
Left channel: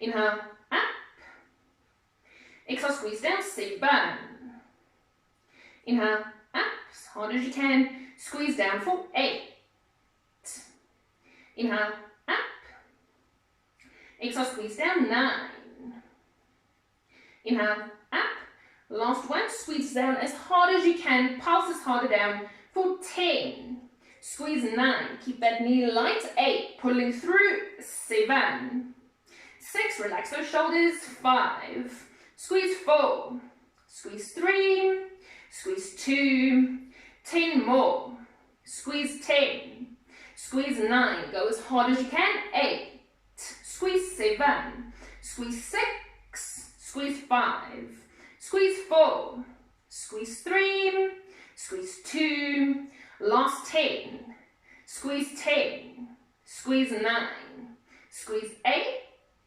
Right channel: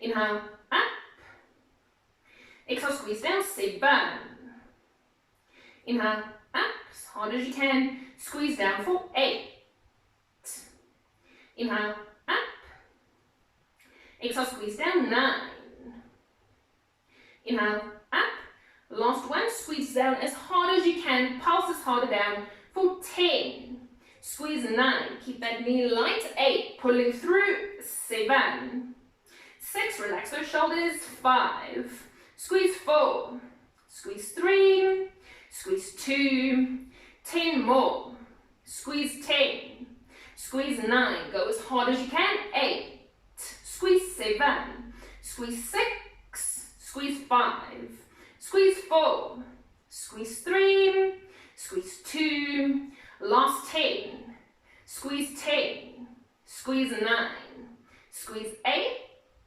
Inhale, up. Exhale, squeeze down, 7. Inhale, up as hard as you can. Squeeze down for 8. Inhale, up. Exhale, squeeze down, 9. Inhale, up. Last one, squeeze down as hard as you can. Pulses harder down for 10. Squeeze 9. Keep that knee light. 8. Pulling through. 7. 6. Relax those shoulders. 5. Squeeze 4. Squeeze 3. Squeeze 2. 10 more. Squeeze 10. Squeeze 9. Go as hard as you can. 8. Squeeze 7. Squeeze 6. Squeeze 5. Squeeze 4. Squeeze 3. Squeeze 2. Last 10. Squeeze 10. Squeeze 9. Squeeze 8.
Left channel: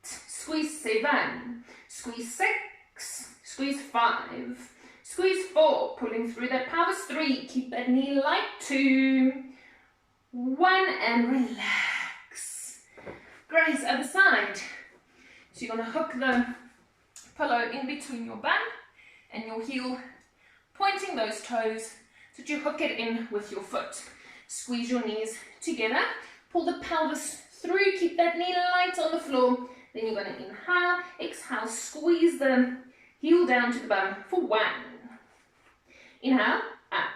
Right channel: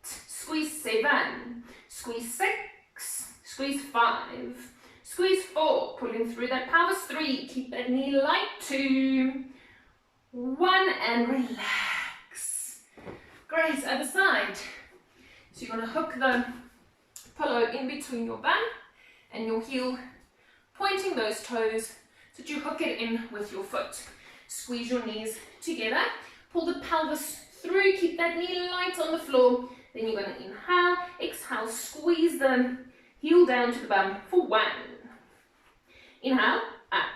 Squeeze 7. Squeeze 6. Squeeze 5. Squeeze 4. Pulling through that pelvis. 3. Keep that knee light. 2. 1 and relax. Great, other side. So you're going to hook the pillow in between your bum and your heel, pointing those toes so that you hook it in with your foot. Squeeze your knees together, pull the pelvis through, keep that knee light on the floor. Then you're going to inhale, exhale, squeeze the heel down to the bum for 1. Inhale, up.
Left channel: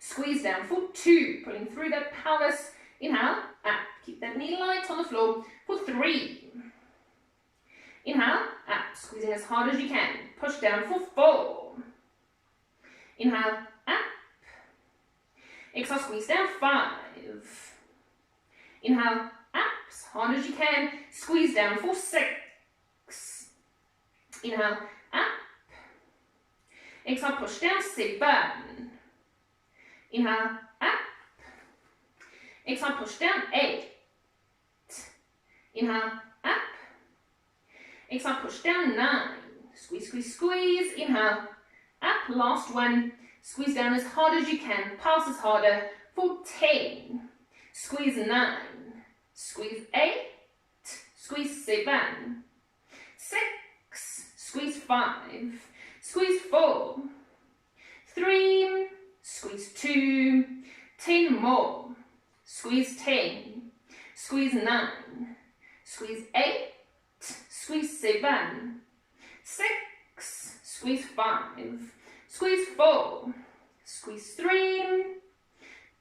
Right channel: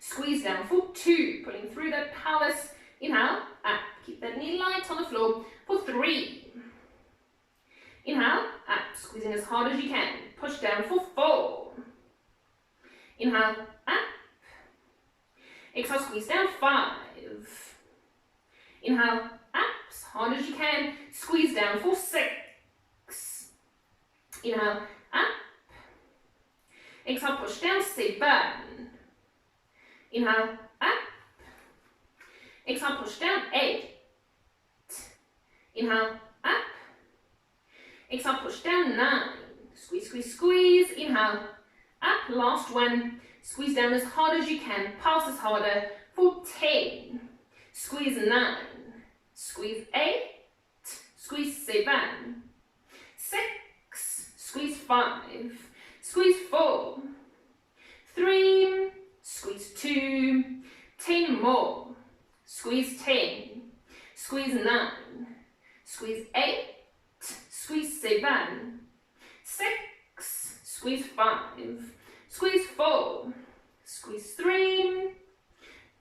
Squeeze down for 2, pulling through that pelvis. Inhale, up. Keep that knee light on the floor for 3. Inhale, up. Squeezing as hard as you can. Push down for 4. Inhale, up. Exhale, squeeze down 5. Inhale, up. As hard as you can. Squeeze down for 6. Inhale, up. Exhale, push down 7. Inhale, up. Exhale, push down 8. Inhale, up. Exhale, push down 9. Squeeze, squeeze, squeeze. Inhale, up. Last 1. Squeeze down as hard as you can. Pulses harder for 10. Squeeze 9. Squeeze 8. Squeeze 7. 6. Squeeze 5. Squeeze 4. 3. Squeeze 2. 10 more. Squeeze 10. Squeeze 9. Squeeze 8. Squeeze 7. 6. Squeeze 5. Squeeze 4. Squeeze 3.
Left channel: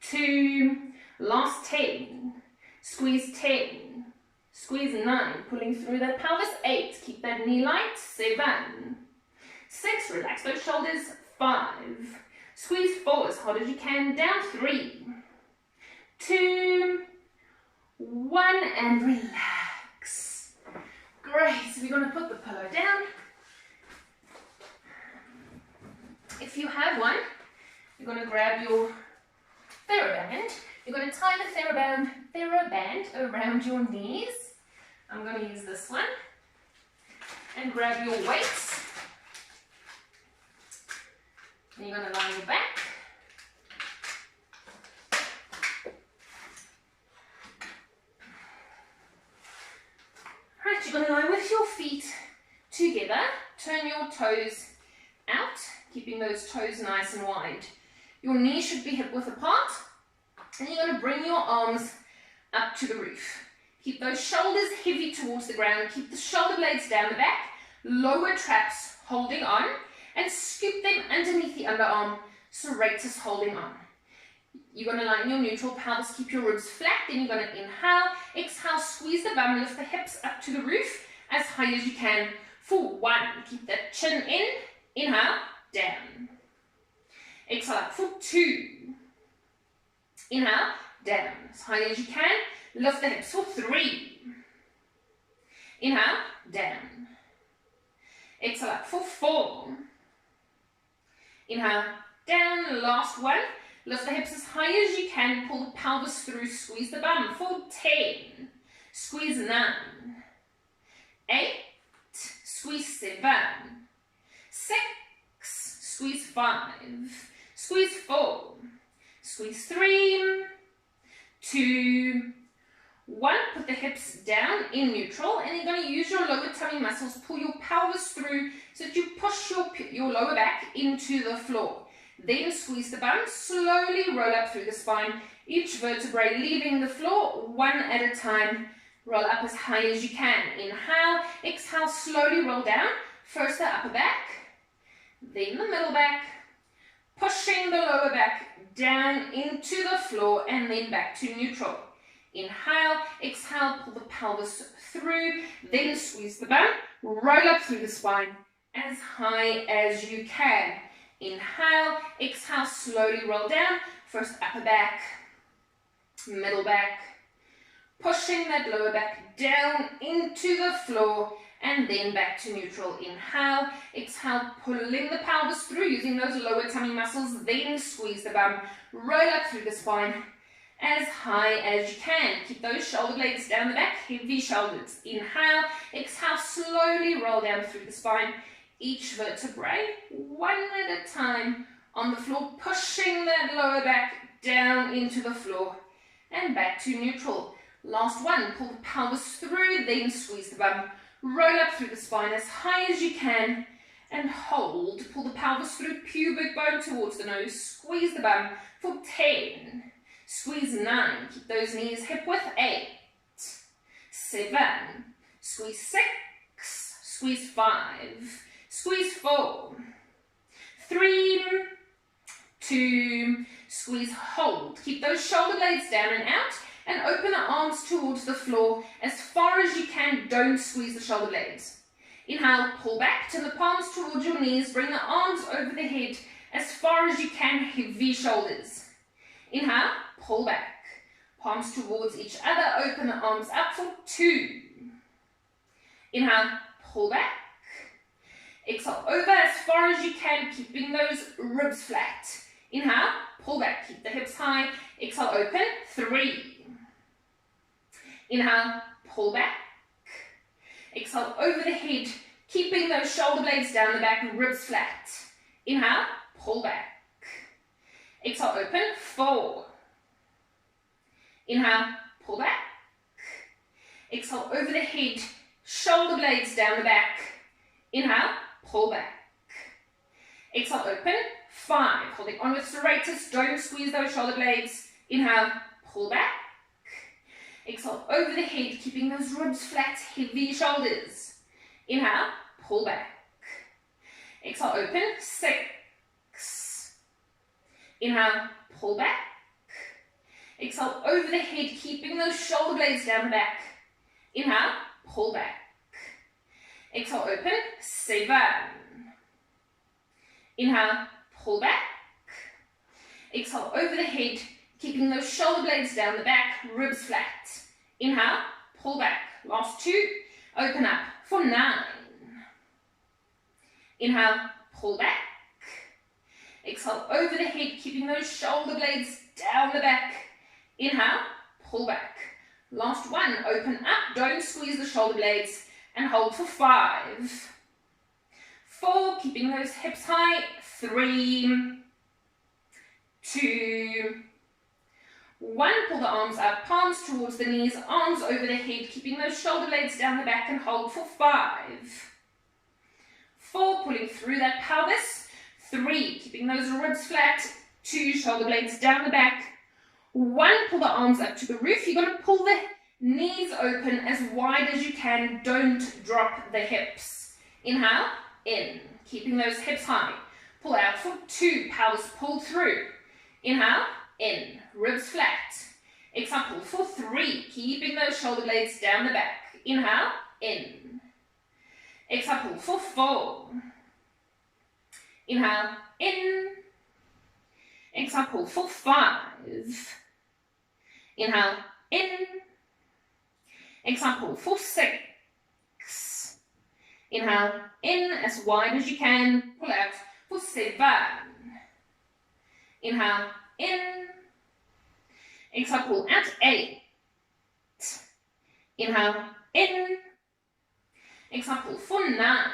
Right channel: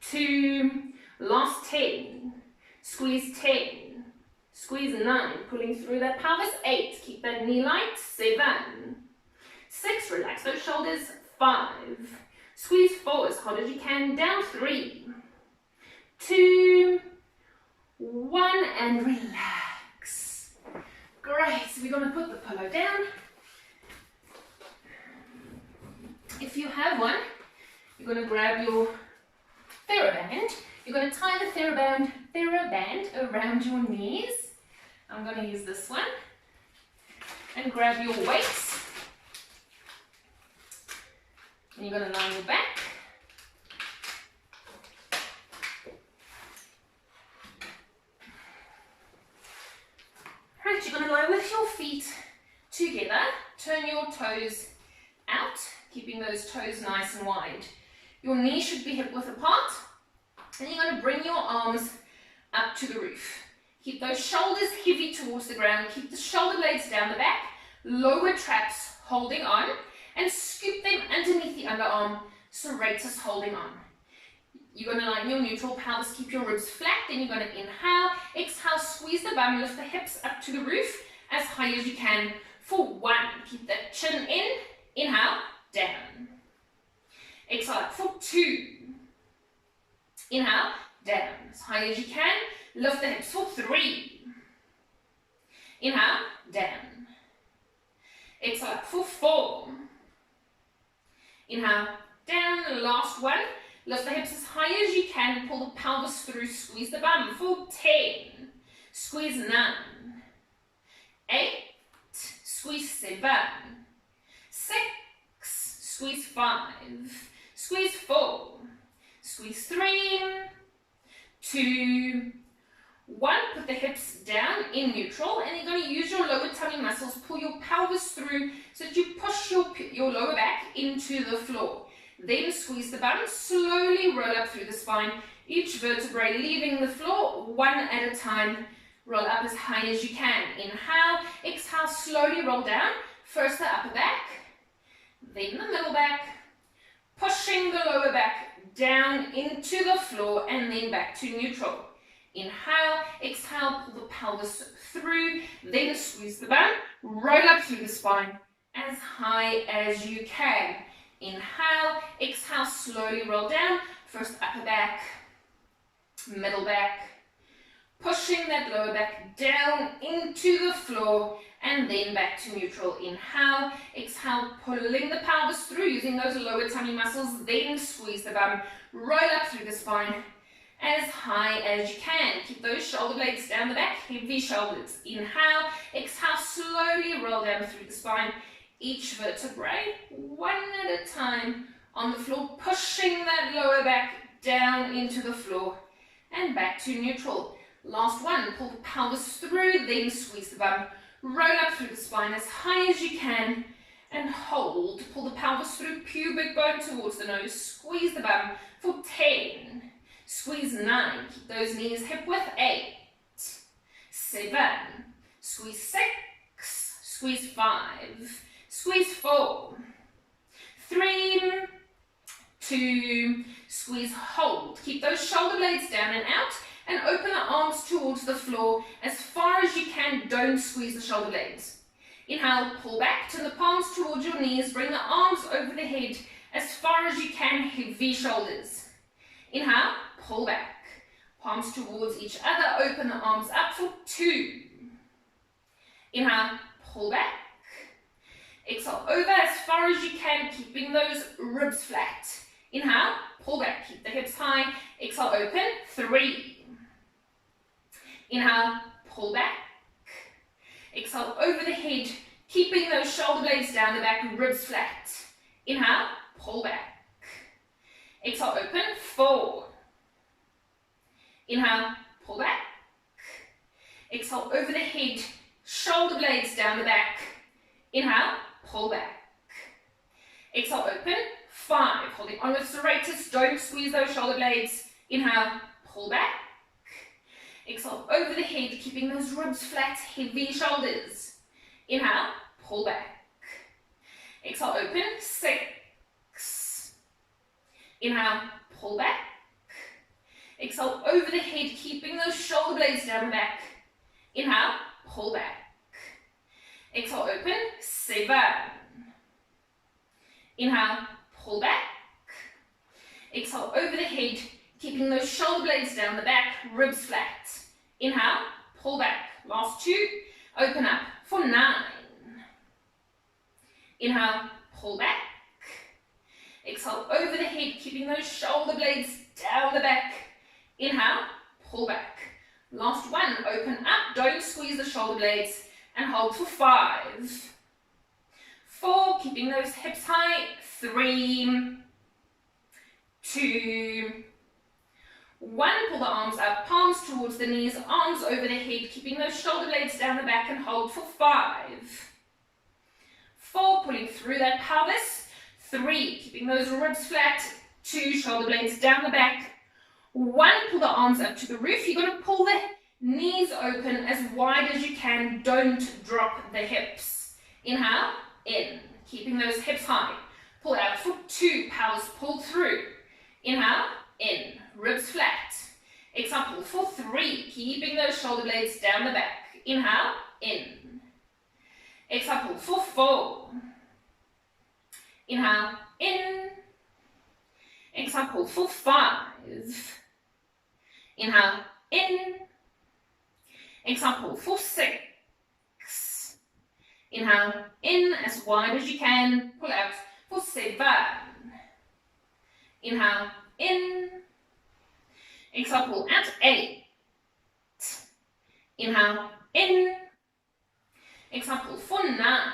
2. Last 10. Squeeze 10. Squeeze 9. Pulling through that pelvis. 8. Keep that knee light. 7. 6. Relax those shoulders. 5. Squeeze 4 as hard as you can. Down 3. 2. 1 and relax. Great. So we're going to put the pillow down. If you have one, you're going to grab your THERABAND. You're going to tie the THERABAND around your knees. I'm going to use this one. And grab your weights. And you're going to lie on your back. Right, you're going to lie with your feet together. Turn your toes out, keeping those toes nice and wide. Your knees should be hip width apart. And you're going to bring your arms up to the roof. Keep those shoulders heavy towards the ground. Keep the shoulder blades down the back. Lower traps holding on. And scoop them underneath the underarm. Serratus holding on. You're going to lie in your neutral pelvis. Keep your ribs flat. Then you're going to inhale. Exhale. Squeeze the bum. Lift the hips up to the roof as high as you can for 1. Keep that chin in. Inhale. Down. Exhale up for 2. Inhale. Down. As high as you can. Lift the hips for 3. Inhale. Down. Exhale up for 4. Inhale. Down. Last 1. Lift the hips as high as you can. Pull the pelvis through. Squeeze the bum for 10. Squeeze 9. 8. Squeeze 7. 6. Squeeze 5. Squeeze 4. Squeeze 3. 2. 1. Put the hips down in neutral, and you're going to use your lower tummy muscles. Pull your pelvis through so that you push your lower back into the floor. Then squeeze the bum. Slowly roll up through the spine. Each vertebrae leaving the floor 1 at a time. Roll up as high as you can. Inhale. Exhale. Slowly roll down. First the upper back. Then the middle back. Pushing the lower back down into the floor and then back to neutral. Inhale, exhale, pull the pelvis through, then squeeze the bum, roll up through the spine as high as you can. Inhale, exhale, slowly roll down, First upper back, middle back, pushing that lower back down into the floor, and then back to neutral. Inhale, exhale, pulling the pelvis through using those lower tummy muscles, then squeeze the bum, roll up through the spine as high as you can. Keep those shoulder blades down the back, heavy shoulders. Inhale, exhale, slowly roll down through the spine, each vertebrae, one at a time on the floor, pushing that lower back down into the floor and back to neutral. Last one, pull the pelvis through, then squeeze the bum, roll up through the spine as high as you can and hold. Pull the pelvis through, pubic bone towards the nose, squeeze the bum for 10, squeeze 9, keep those knees hip width, 8, 7, squeeze 6, squeeze 5, squeeze 4, 3, 2, squeeze, hold. Keep those shoulder blades down and out, and open the arms towards the floor as far as you can. Don't squeeze the shoulder blades. Inhale, pull back, turn the palms towards your knees, bring the arms over the head as far as you can, heavy shoulders. Inhale, pull back, palms towards each other, open the arms up for 2. Inhale, pull back, exhale, over as far as you can, keeping those ribs flat. Inhale, pull back, keep the hips high, exhale, open, 3. Inhale, pull back, exhale, over the head, keeping those shoulder blades down the back, ribs flat. Inhale, pull back, exhale, open, 4. Inhale, pull back, exhale, over the head, shoulder blades down the back. Inhale, pull back, exhale, open, 5. Holding on with serratus, don't squeeze those shoulder blades. Inhale, pull back, exhale, over the head, keeping those ribs flat, heavy shoulders. Inhale, pull back, exhale, open, 6. Inhale, pull back, exhale, over the head, keeping those shoulder blades down the back. Inhale, pull back, exhale, open, 7. Inhale, pull back, exhale, over the head, keeping those shoulder blades down the back, ribs flat. Inhale, pull back. Last 2, open up for 9. Inhale, pull back, exhale, over the head, keeping those shoulder blades down the back. Inhale, pull back. Last 1, open up, don't squeeze the shoulder blades, and hold for 5. 4, keeping those hips high, 3, 2, 1, pull the arms up, palms towards the knees, arms over the head, keeping those shoulder blades down the back, and hold for 5. 4, pulling through that pelvis, 3, keeping those ribs flat, 2, shoulder blades down the back, 1, pull the arms up to the roof. You're going to pull the knees open as wide as you can, don't drop the hips. Inhale, in, keeping those hips high, pull out for 2, pelvis pull through. Inhale, in, ribs flat. Exhale, pull for 3, keeping those shoulder blades down the back. Inhale, in. Exhale, pull for 4. Inhale, in. Exhale, pull for 5. Inhale, in. Exhale, pull for 6. Inhale, in, as wide as you can. Pull out for 7. Inhale, in. Exhale, pull out, 8. Inhale, in. Exhale, pull for 9.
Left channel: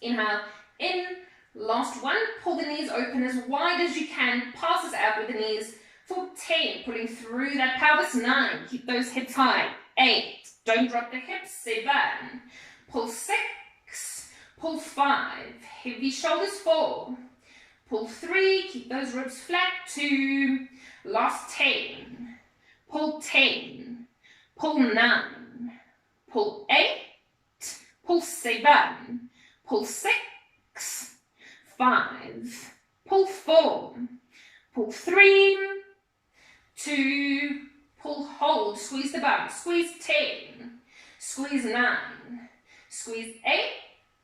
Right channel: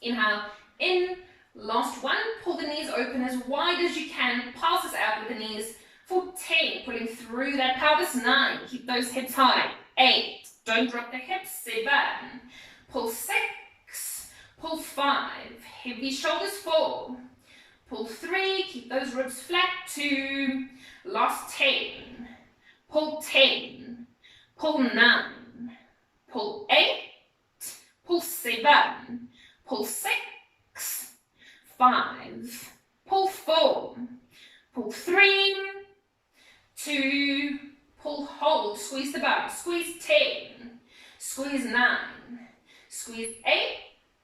Inhale, in. Last 1, pull the knees open as wide as you can. Passes out with the knees for 10, pulling through that pelvis. 9, keep those hips high. 8, don't drop the hips. 7, pull 6, pull 5, heavy shoulders. 4, pull 3, keep those ribs flat. 2, last 10, pull 10, pull 9, pull 8, pull 7, pull 6, 5, pull 4, pull 3, 2, pull, hold, squeeze the bum, squeeze 10, squeeze 9, squeeze 8,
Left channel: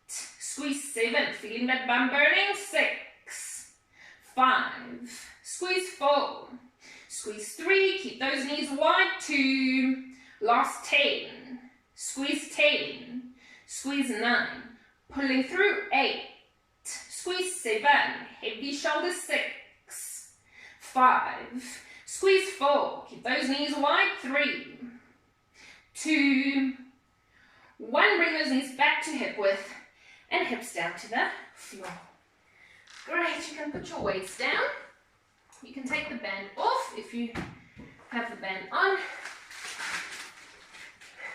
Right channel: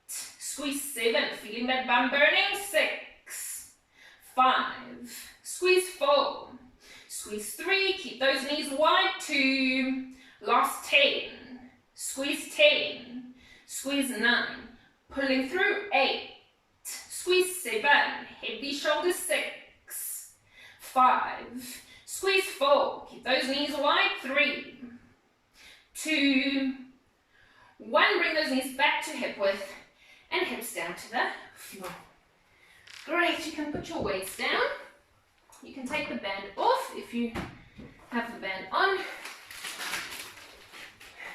squeeze 7, feeling that bum burning. 6, 5, squeeze 4, squeeze 3, keep those knees wide, 2, last 10, squeeze 10, squeeze 9, pulling through, 8, squeeze 7, heavy shoulders, 6, 5, squeeze 4, keep those knees wide, 3, 2, 1, bring those knees back to hip width and hips down to the floor. Great, you can put your weights down. You can take the band off if you have the band on.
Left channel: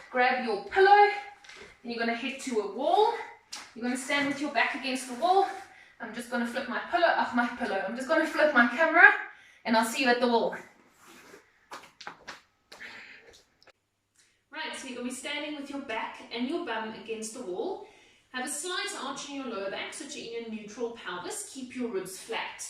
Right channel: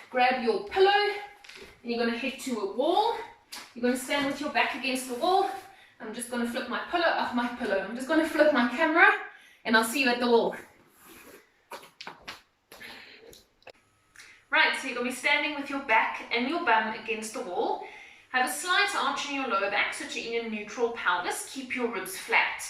Grab your pillow and you're going to head to a wall. You're going to stand with your back against the wall. I'm just going to flip my pillow off my pillow. I'm just going to flip my camera and I'll see you at the wall. Right, so you're going to be standing with your back and your bum against the wall. Have a slight arch in your lower back so that you're in a neutral pelvis. Keep your ribs flat.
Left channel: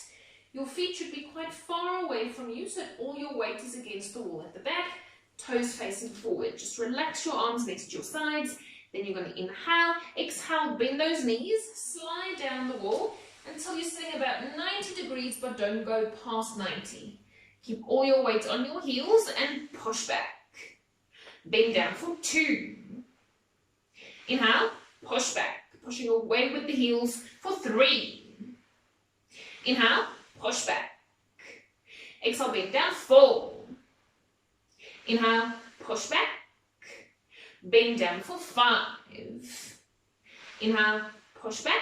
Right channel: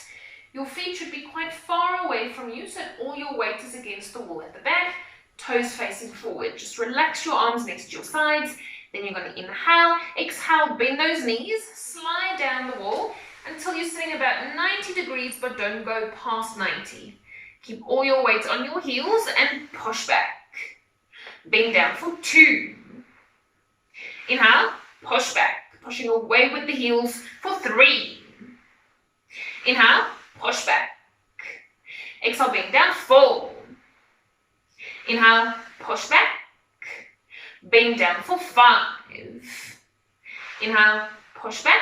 Your feet should be quite far away from you so that all your weight is against the wall at the back. Toes facing forward. Just relax your arms next to your sides. Then you're going to inhale, exhale, bend those knees, slide down the wall until you're sitting about 90 degrees, but don't go past 90. Keep all your weight on your heels and push back. Bend down for 2. Inhale, push back, pushing away with the heels for 3. Inhale, push back. Exhale, bend down, 4. Inhale, push back. Bend down for 5. Inhale, push back.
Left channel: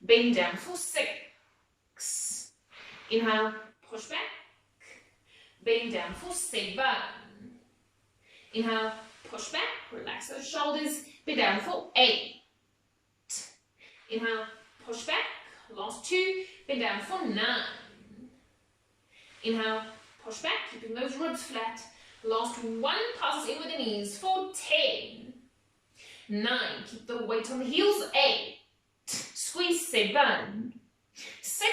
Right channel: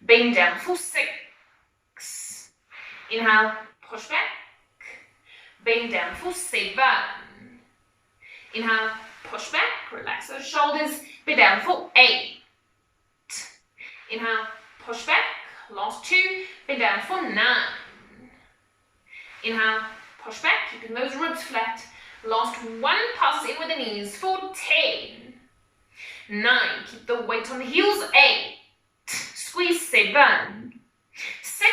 Bend down for 6. Inhale, push back. Bend down for 7. Inhale, push back. Relax those shoulders. Bend down for 8. Inhale, push back. Last 2. Bend down for 9. Inhale, push back. Keeping those ribs flat. Last 1, passes in with the knees for 10, 9, keep the weight on the heels, 8, squeeze 7, 6,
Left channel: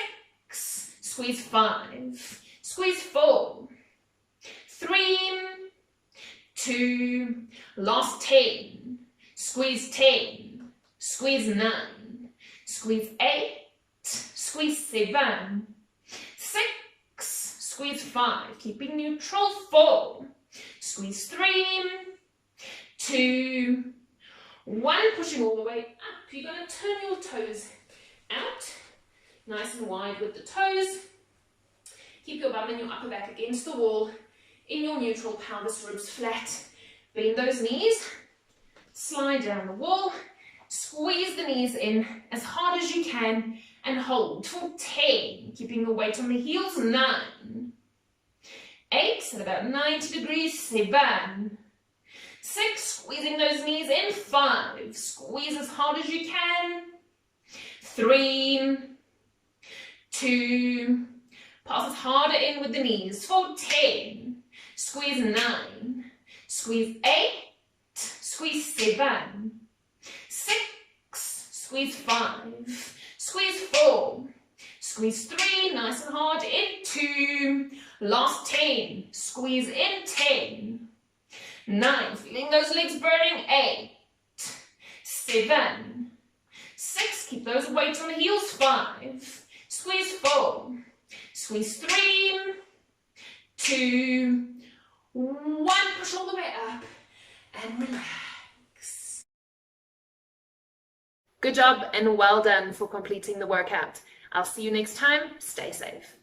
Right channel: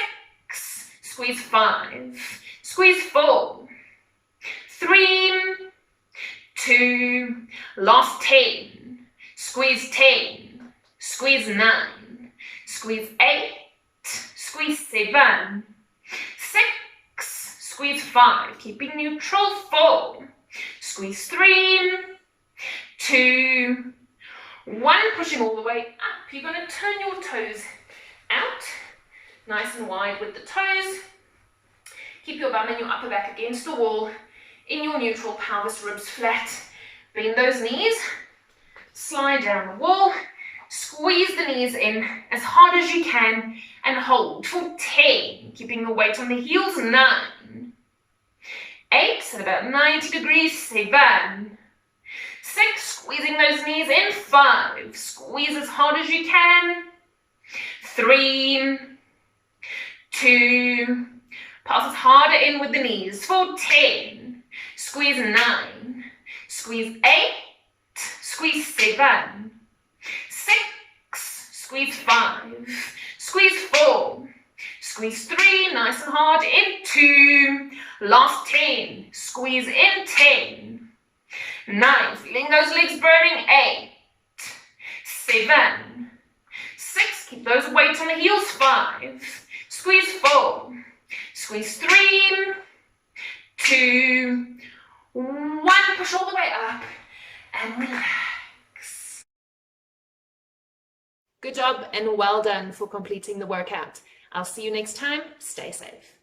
squeeze 5, squeeze 4, 3, 2, last 10, squeeze 10, squeeze 9, squeeze 8, squeeze 7, 6, squeeze 5, keeping neutral, 4, squeeze 3, 2, 1, pushing all the way up. You're going to turn your toes out, nice and wide with the toes. Keep your bum and your upper back against the wall, in your neutral pelvis, ribs flat. Bend those knees, slide down the wall, squeeze the knees in as hard as you can, and hold for 10, keeping the weight on the heels, 9, 8, at about 90 degrees, 7, 6, squeezing those knees in, 5, squeeze as hard as you can, 3, 2, passes harder in with the knees, for 10, squeeze 9, squeeze 8, squeeze 7, 6, squeeze 5, squeeze 4, squeeze 3, nice and hard, in 2, last 10, squeeze in 10, 9, feeling those legs burning, 8, 7, 6, keep those weights on the heels, 5, squeeze 4, squeeze 3, 2, 1, push all the way up and relax. Good job and well done for completing the workout. I'll see you next time. Stay safe.